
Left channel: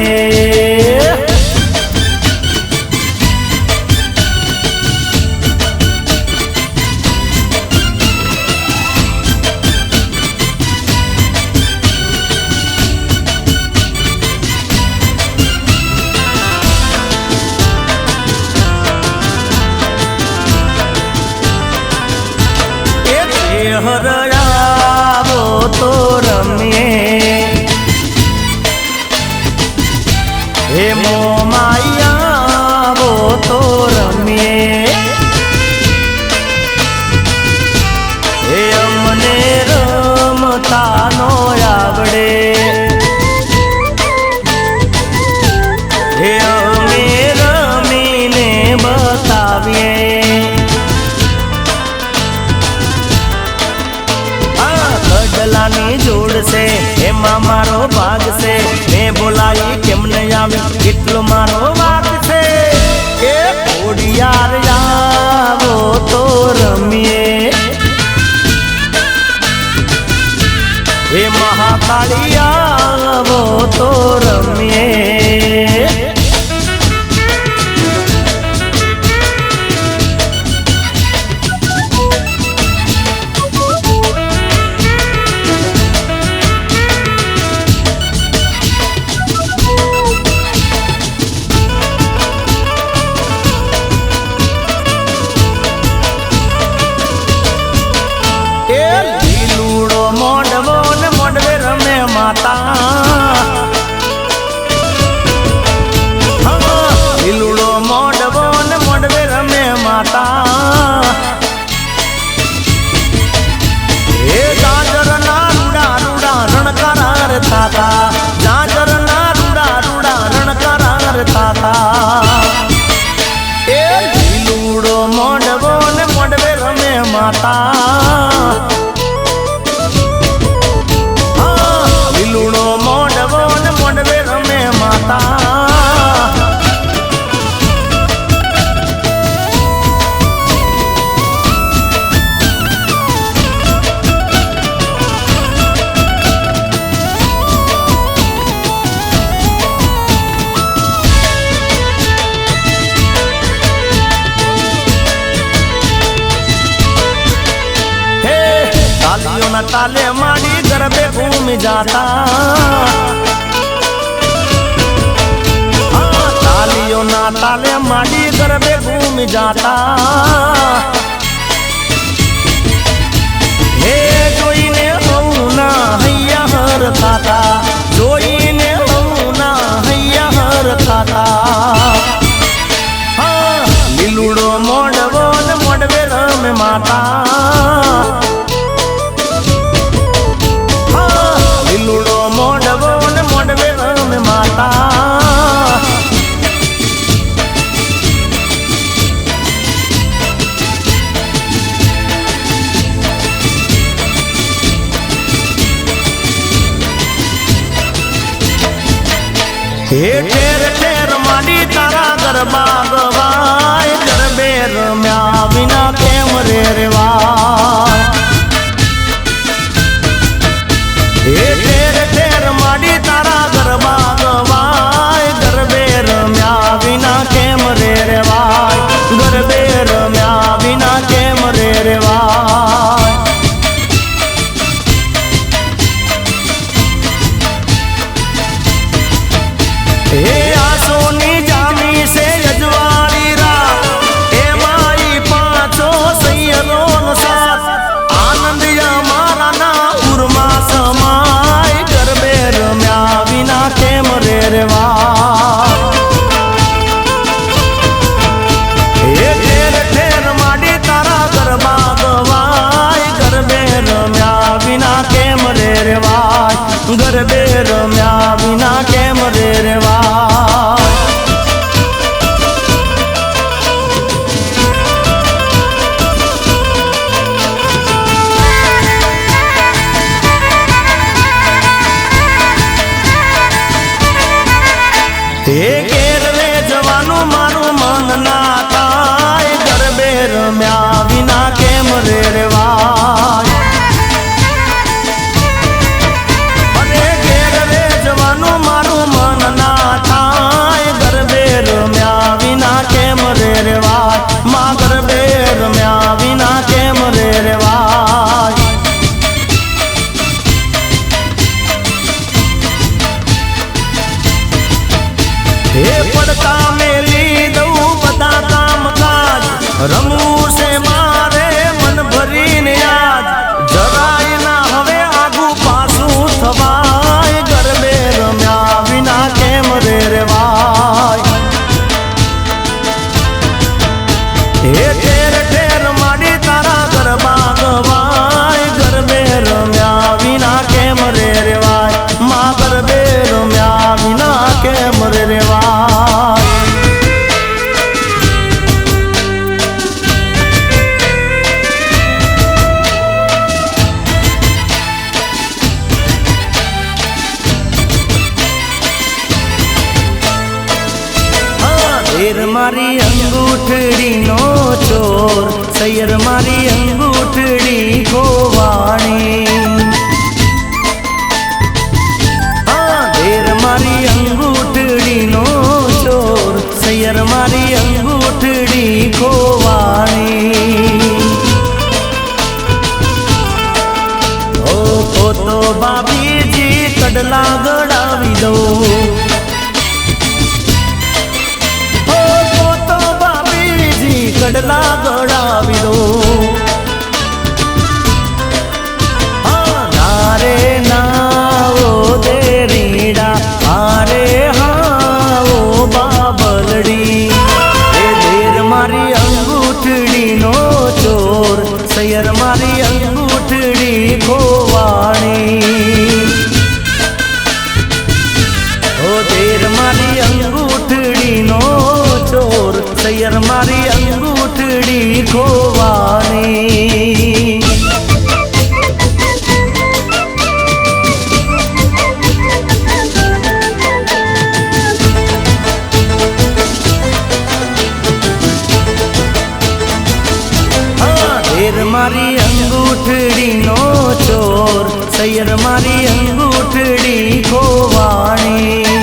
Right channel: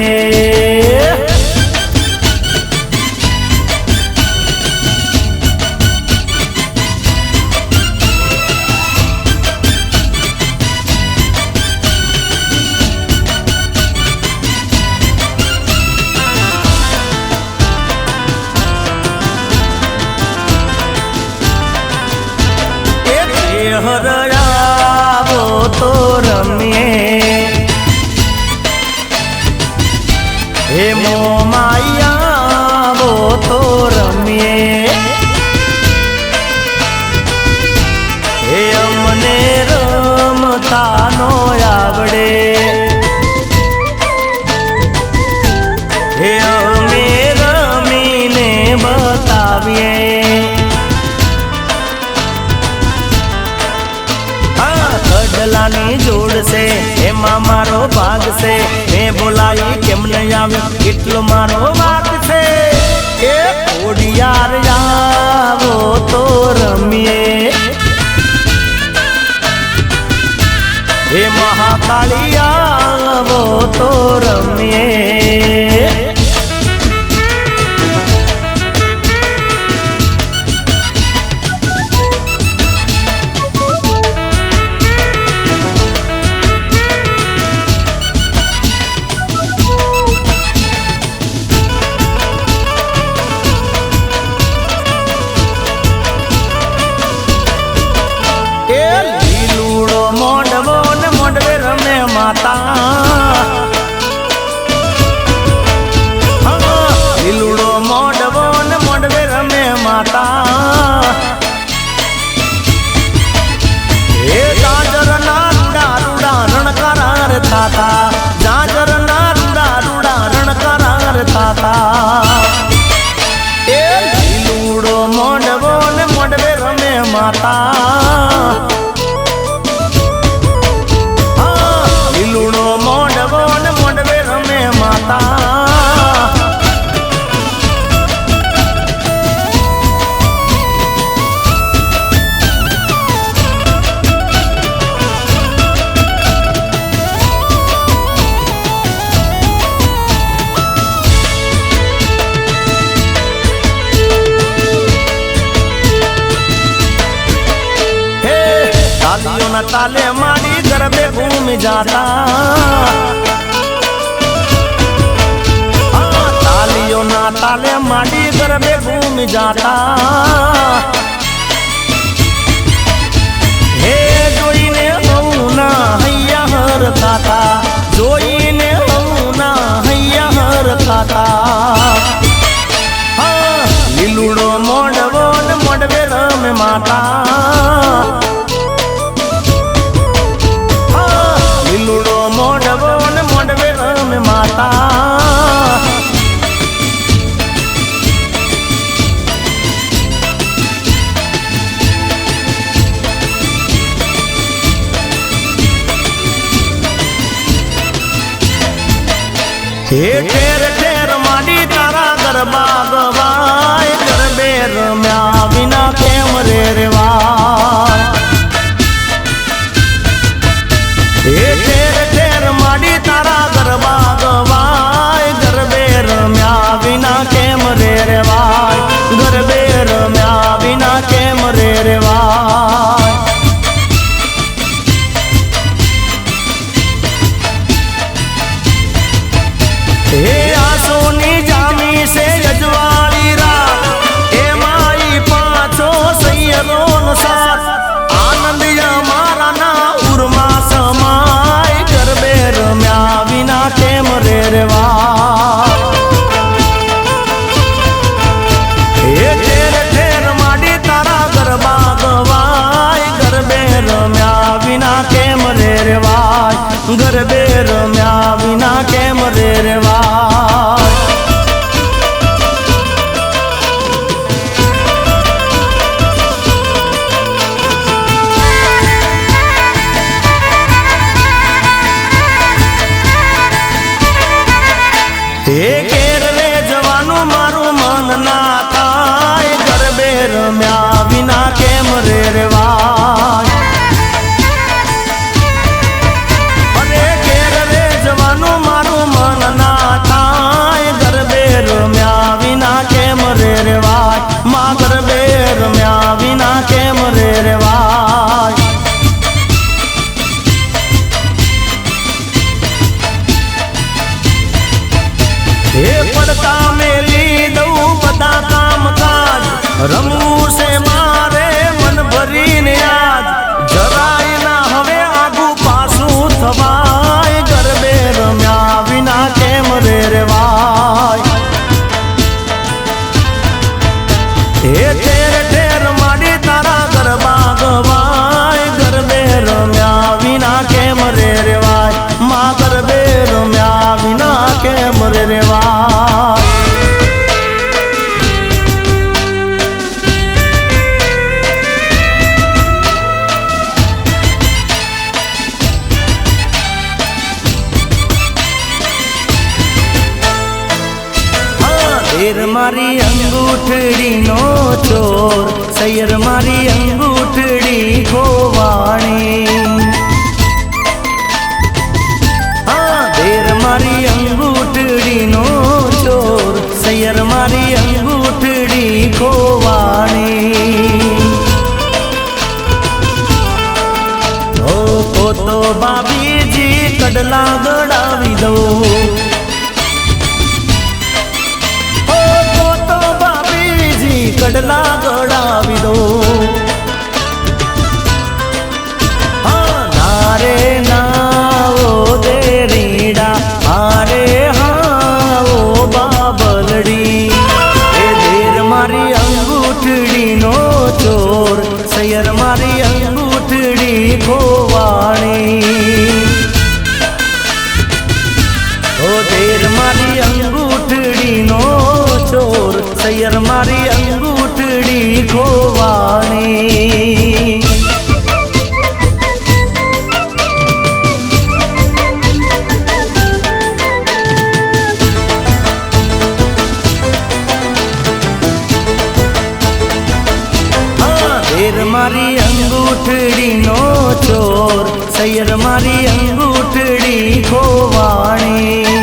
લીલુડો મોંડવો ને મોંડવે રમે માતા લીલુડો મોંડવો ને મોંડવે રમે માતા ताले माड़ी गरबे घूम जाता तालियों ना ताले माड़ी गरबे घूम जाता हे जोई ने होना हैया हर खाता जोई ने होना हैया हर खाता लीलुड़ो मोंडवो ने मोंडवे रमे माता લીલુડો મોંડવો ને મોંડવે રમે માતા હે ઠેર ઠેર માડી તારા ગરબા ગવાય ગરબે રમ્યા વિના કેમ રે રેવાય હે ઠેર ઠેર માડી તારા ગરબા ગવાય ગરબે રમ્યા વિના કેમ રે રેવાય ગરબે રમ્યા વિના કેમ રે રેવાય હે આસોની જાની સે અજવાળી રાત એ માઈ પાછો સૈયરો સાથ આનંદિયા મારા ના ઉર્મા સમાય ગરબે રમ્યા વિના કેમ રે રેવાય હે ઠેર ઠેર માડી તારા ગરબા ગવાય ગરબે રમ્યા વિના કેમ રે રેવાય ગરબે રમ્યા વિના કેમ રે રેવાય હે ઘેર રે જવાનું મારું મન ના થાય ગરબે રમ્યા વિના કેમ રે રેવાય અરે ઘેર રે જવાનું મારું મન ના થાય ગરબે રમ્યા વિના કેમ રે રેવાય માં ગરબે રમ્યા વિના કેમ રે રેવાય हे पड़ता मेली दऊ बता काम काज रमू से मारे मन भरी ने याद जराय ना हवे आगू पासू थवाय गरबे रम्या विना केम रे रेवाय हे ઠેર ઠેર માડી તારા ગરબા ગવાય ગરબે રમ્યા વિના કેમ રે રેવાય માં ગરબે રમ્યા વિના કેમ રે રેવાય શેર મારી અંગૂઠડી નો ચોર સૈયર મારી અંગૂઠડી ખોવાણી શેર મારી અંગૂઠડી નો ચોર સૈયર મારી અંગૂઠડી ખોવાણી તો બાબીજી કડલા ગળાવી દો કડલા ગળાવી દો નારે નાઓ દેરીડા હારે હાઓ બાબલડી એ દેર મારી અંગૂઠડી નો ચોર સૈયર મારી અંગૂઠડી ખોવાણી ઓ દેર મારી અંગૂઠડી નો ચોર સૈયર મારી અંગૂઠડી સૈયર મારી અંગૂઠડી ખોવાણી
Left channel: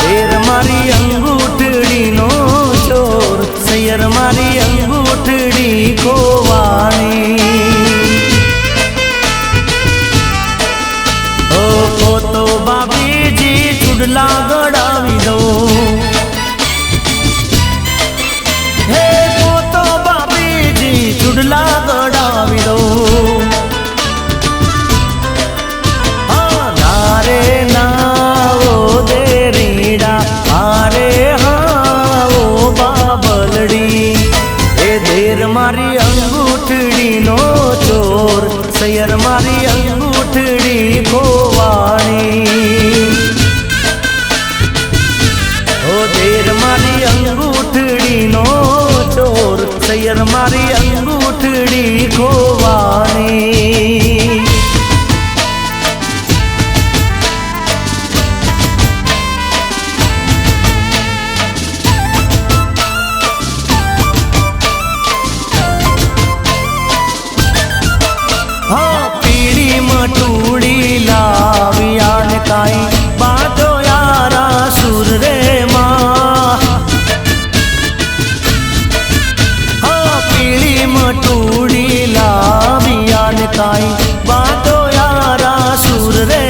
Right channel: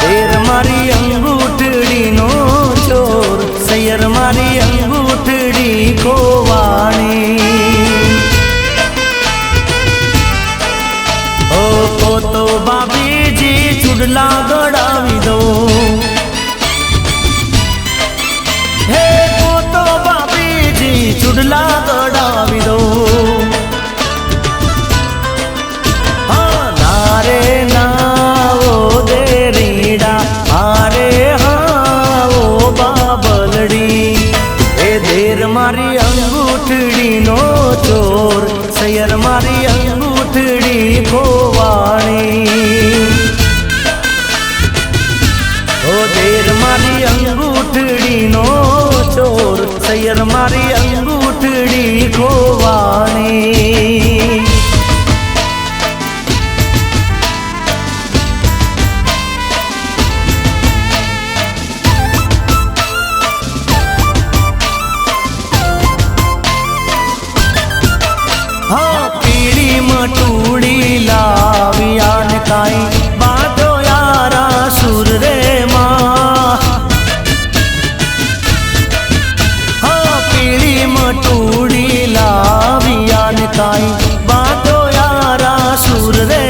દેર મારી અંગૂઠડી નો ચોર સૈયર મારી અંગૂઠડી ખોવાણી ઓ તો બાબીજી ચુડલા ગડાવી દો હે તો બાબીજી ચુડલા ગડાવી દો નારે ના દેરીડા આરે હા બાબલડી એ દેર મારી અંગૂઠડી નો ચોર સૈયર મારી અંગૂઠડી ખોવાણી ઓ દેર મારી અંગૂઠડી નો ચોર સૈયર મારી અંગૂઠડી ખોવાણી પીળી મટુડી લાવી આને કાઈ બાટો યારા સુર રે પીળી મટુડી લાવી આને કાઈ બાટો યારા સુર રે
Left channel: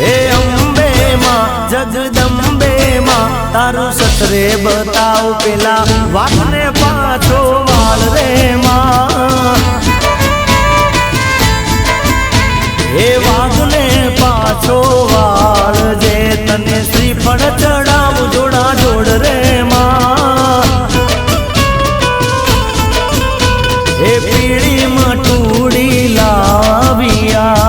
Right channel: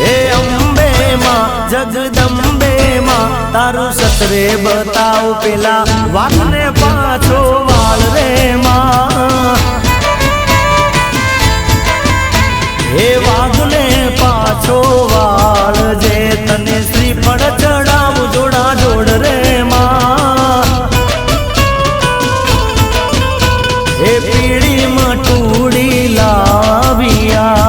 હે અંબે માં જગદંબે માં તારું સતરે બતાવ પેલા વાઘને પાછો વાળ રે હે વાઘને પાછો વાળ જે તને શ્રીફળ ચડાવ જોડા જોડ રે હે પીળી મટુડી લાવિયા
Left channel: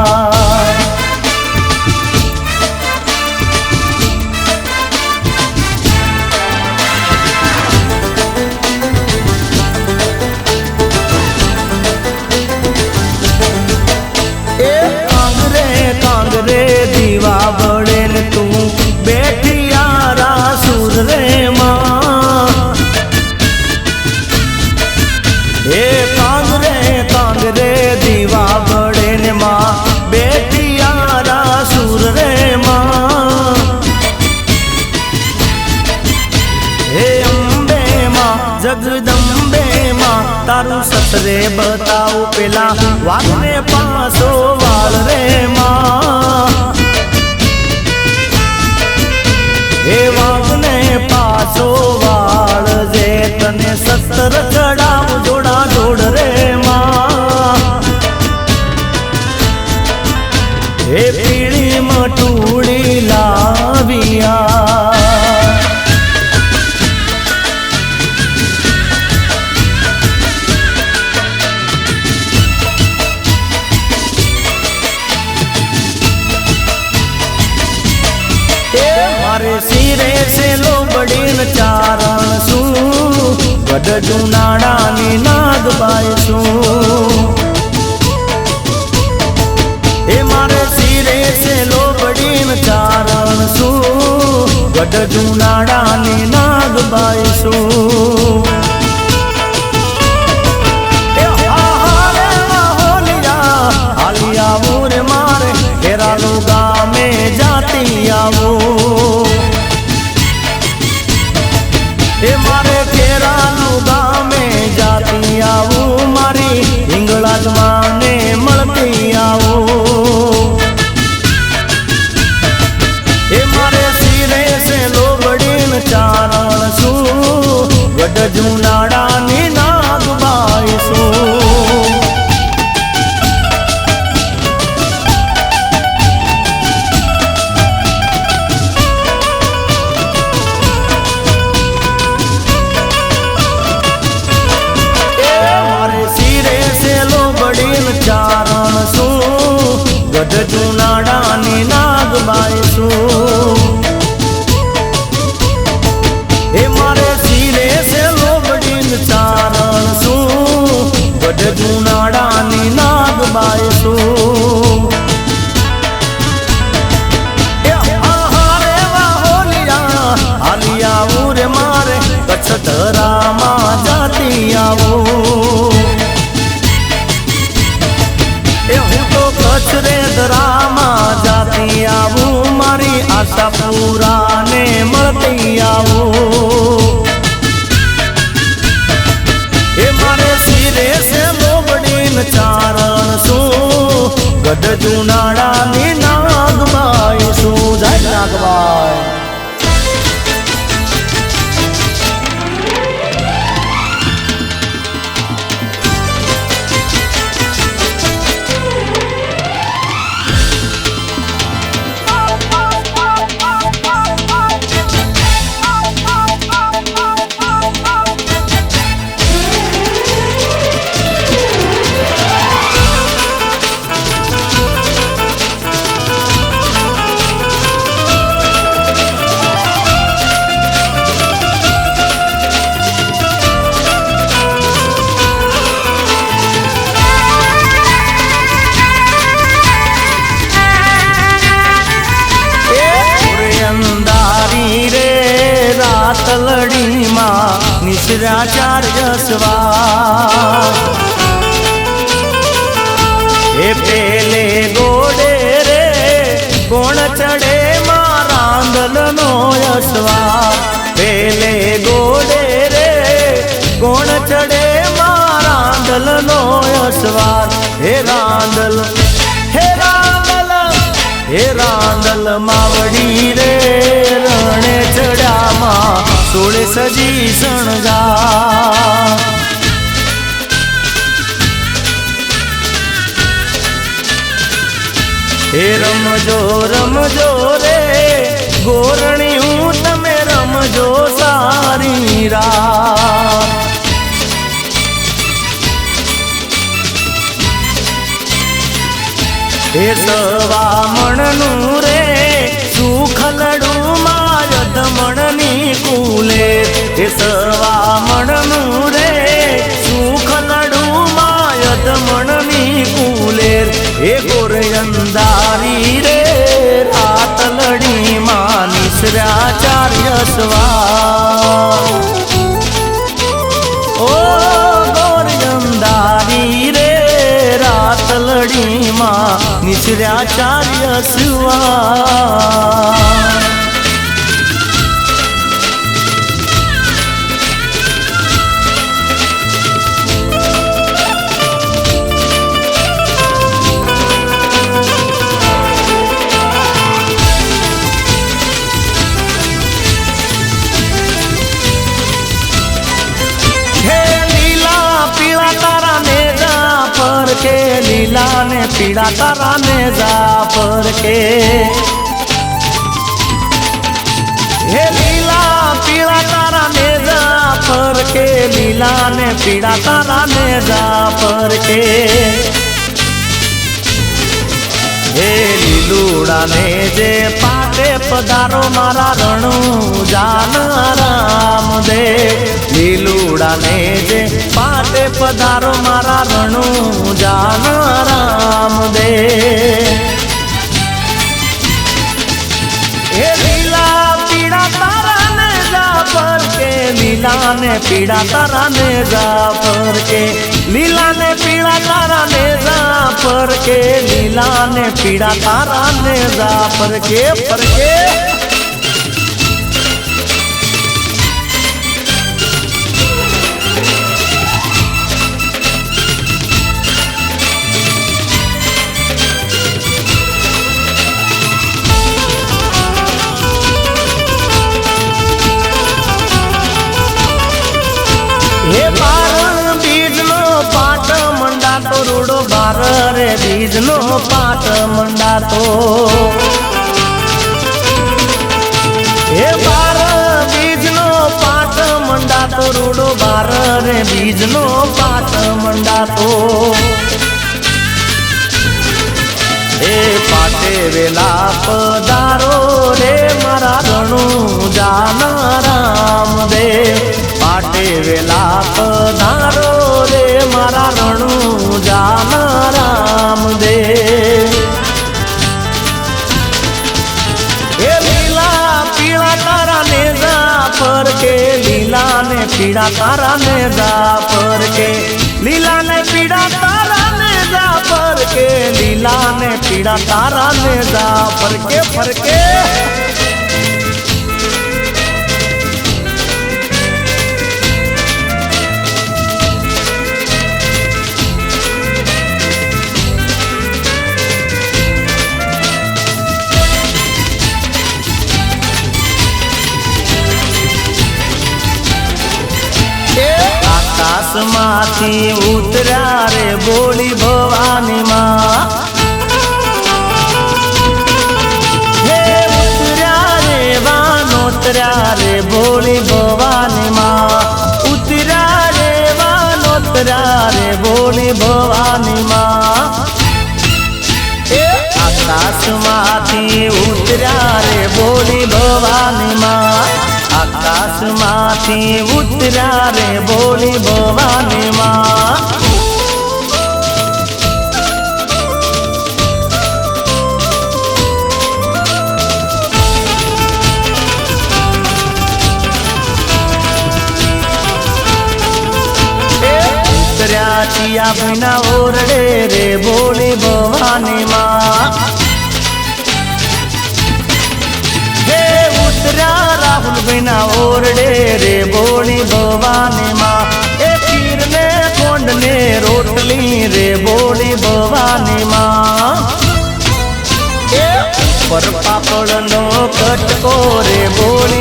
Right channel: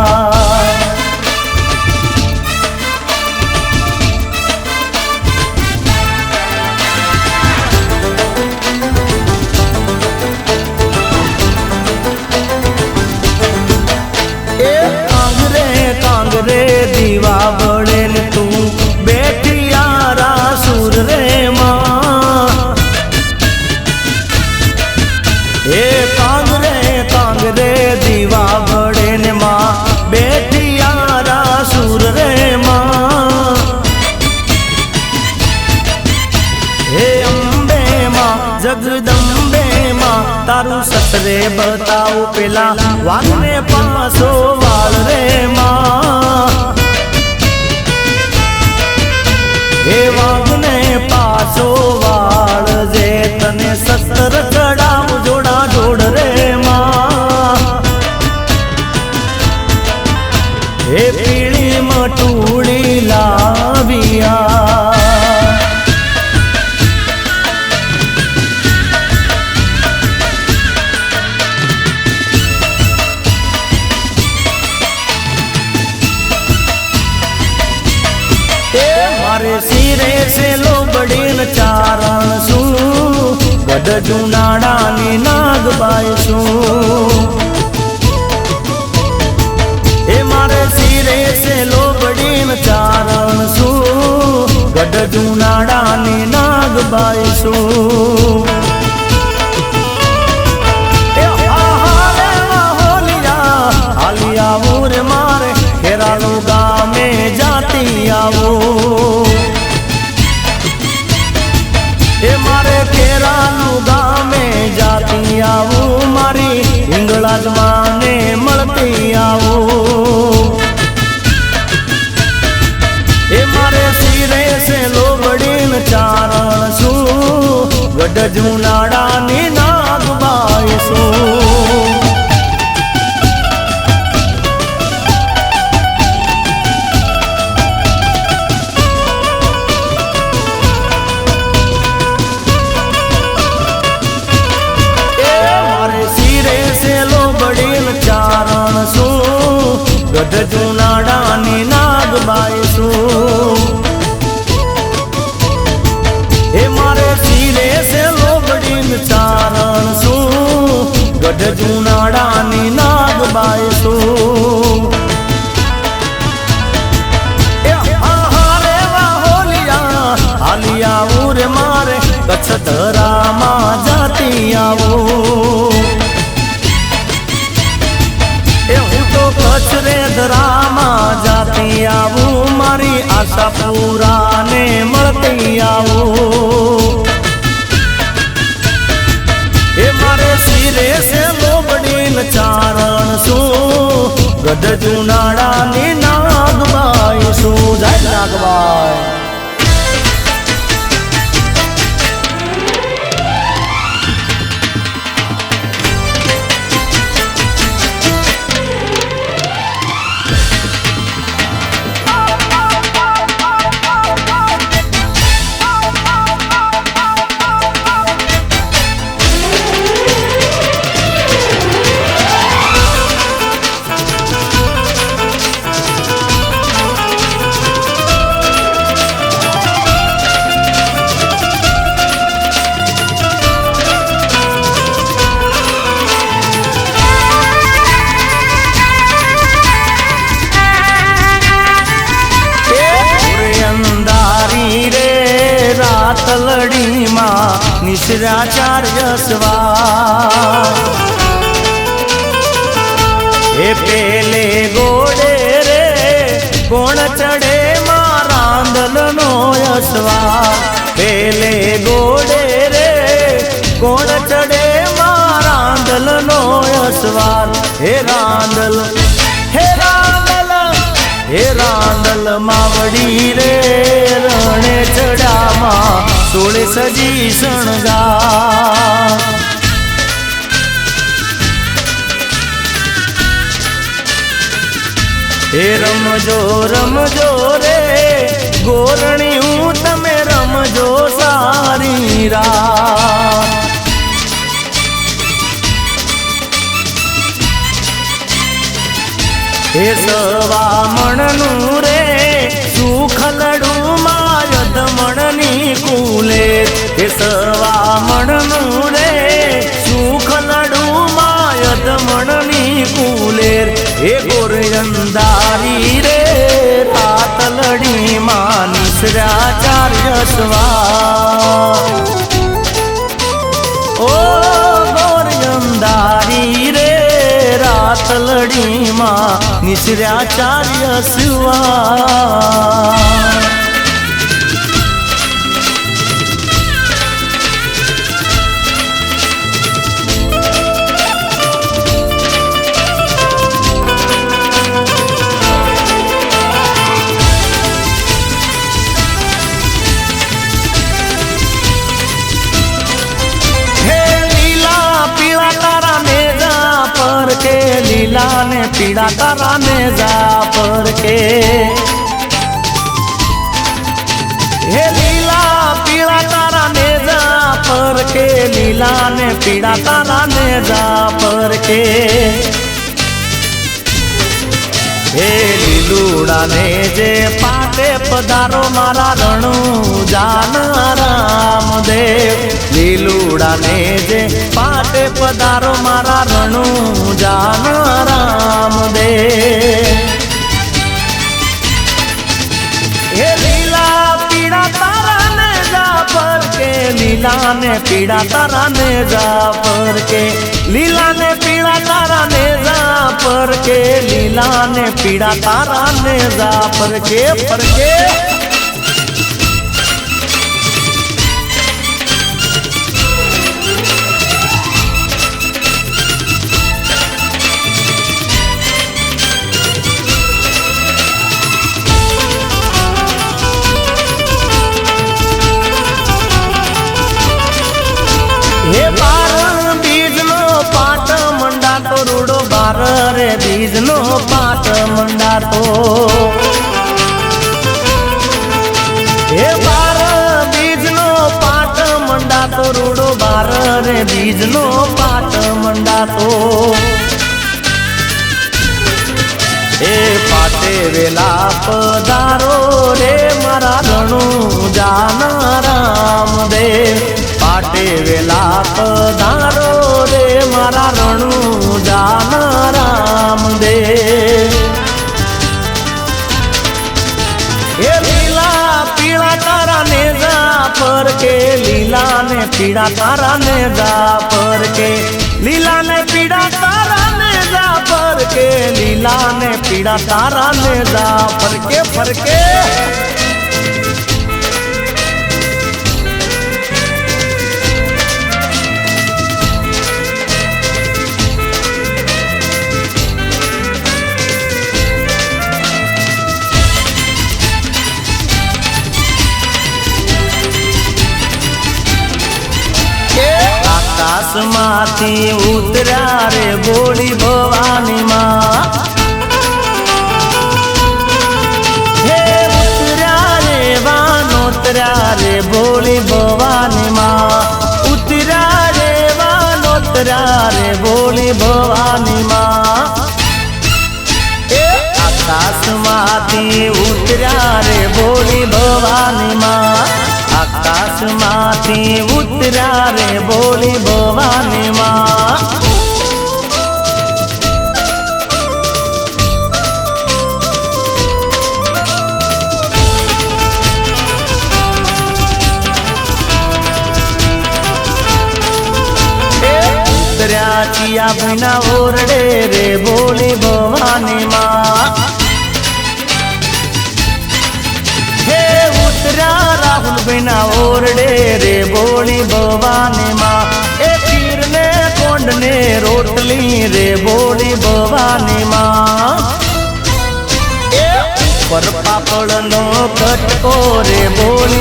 રે દીવા બળેલ તું બેઠી યારા સુર રે હે કાંગ રે દીવા બળેલ માં બેઠી યારા સુર રે હે અંબે માં જગદંબે માં તારું સતરે બતાવ પેલા વાઘને પાસો વાળ રે હે વાઘને પાછો વાળ જે તને સસ્તર ચડાવ જોડા જોડ રે હે પીળી મટુડી લાવિયા મારે સિરે સે લોબડીન ચારણ શું ગઢ જુનાડાની નાગબાઈ શું એ મારે સિરે સે લોબડીન ચારણ શું ગઢ જુનાડાની નાગબાઈ શું એ મારે કેરાનું ગામે જાતી આવું મારી હિંગળાજ માને મળતી આવું એ મારે સિરે સે લોબડીન ચારણ શું ગઢ જુનાડાની નાગબાઈ શું ગઢ જુનાડાની નાગબાઈ શું એ મારે સિરે સે લોબડીન ચારણ શું ગઢ જુનાડાની નાગબાઈ શું હાલિયા ઉરે મારે કચ્છ ધરામાં જુનાળાની નાગબાઈ શું જય નાગબાઈ. નિશ્રાચાર્ય સ્વાર એ પેલે ગોડે રે કોણ ચડે મારા આંદલનો યશવાર. પેલે ગોડે રે કોણ ચડે મારા આંદલનો યશવાર. હે રાંદલ હે રાંદલ હે રાંદલ માવડી રે રણે ચડામાં સોળે સજી શણગાર. હે રમજો રમજો રે ગોરણી હું તમે રમજો સારી રાત. હે સવામણનું રે સુખલડું માય ધમણની કુલે. હે સવામણનું રે સુખલડું માય ધમણની કુલે. હે ગોરયંદારી રે રાતલડી માં નિશ્રાચાર્ય સ્વાર. ઓ ગોરયંદારી રે રાતલડી માં નિશ્રાચાર્ય સ્વાર. લીલા ને પીળા તારા ને જાફર કે. હે લીલા પીળા તારા ને જાફર કે. લીલા ને પીળા તારા ને જાફર કે. હે લીલુડા ને જે પાટે પધારો મારા રણુ જાન રામદેવ. લીલુડા ને જે પાટે પધારો મારા રણુ જાન રામદેવ. હે લીલા પીળા તારા ને જાફર કે. લીલા ને પીળા તારા ને જાફર કે. લીલા ને પીળા તારા ને જાફર કે. લીલા ને પીળા તારા ને જાફર કે. ફરકે હે બાર બીજનો પાટ મંડાતો રૂડો બાર રે બીજનો પાટ મંડાતો. હે બાર બીજનો પાટ મંડાતો રૂડો બાર રે બીજનો પાટ મંડાતો. હે પાટે વેલા પધારો રે મારા રણુ જાન રામદેવ. પાટે વેલા પધારો રે મારા રણુ જાન રામદેવ. હે લીલા પીળા તારા ને જાફર કે. લીલા ને પીળા તારા ને જાફર કે. લીલા ને પીળા તારા ને જાફર કે. લીલા ને પીળા તારા ને જાફર કે. ફરકે આકાશમાંથી ઉતર્યા રે બોલી ભવાની માં હે ઉતર્યા રે વાનોતર્યા રે બોલી ભવાની માં ઉતર્યા રે વાનોતર્યા રે બોલી ભવાની માં હે આકાશમાંથી ઉતર્યા રે બોલી ભવાની માં આકાશમાંથી ઉતર્યા રે બોલી ભવાની માં ઉતર્યા ચિયા ભાઈના ઓરડે રે બોલી ભવાની માં હે ઉતર્યા રાહુલ ભાઈના ઓરડે રે બોલી ભવાની માં એ ખીર ને કોંડ ને રોટલી રે બોલી ભવાની માં એ ઉપર પાપડ નો કટકો રે બોલી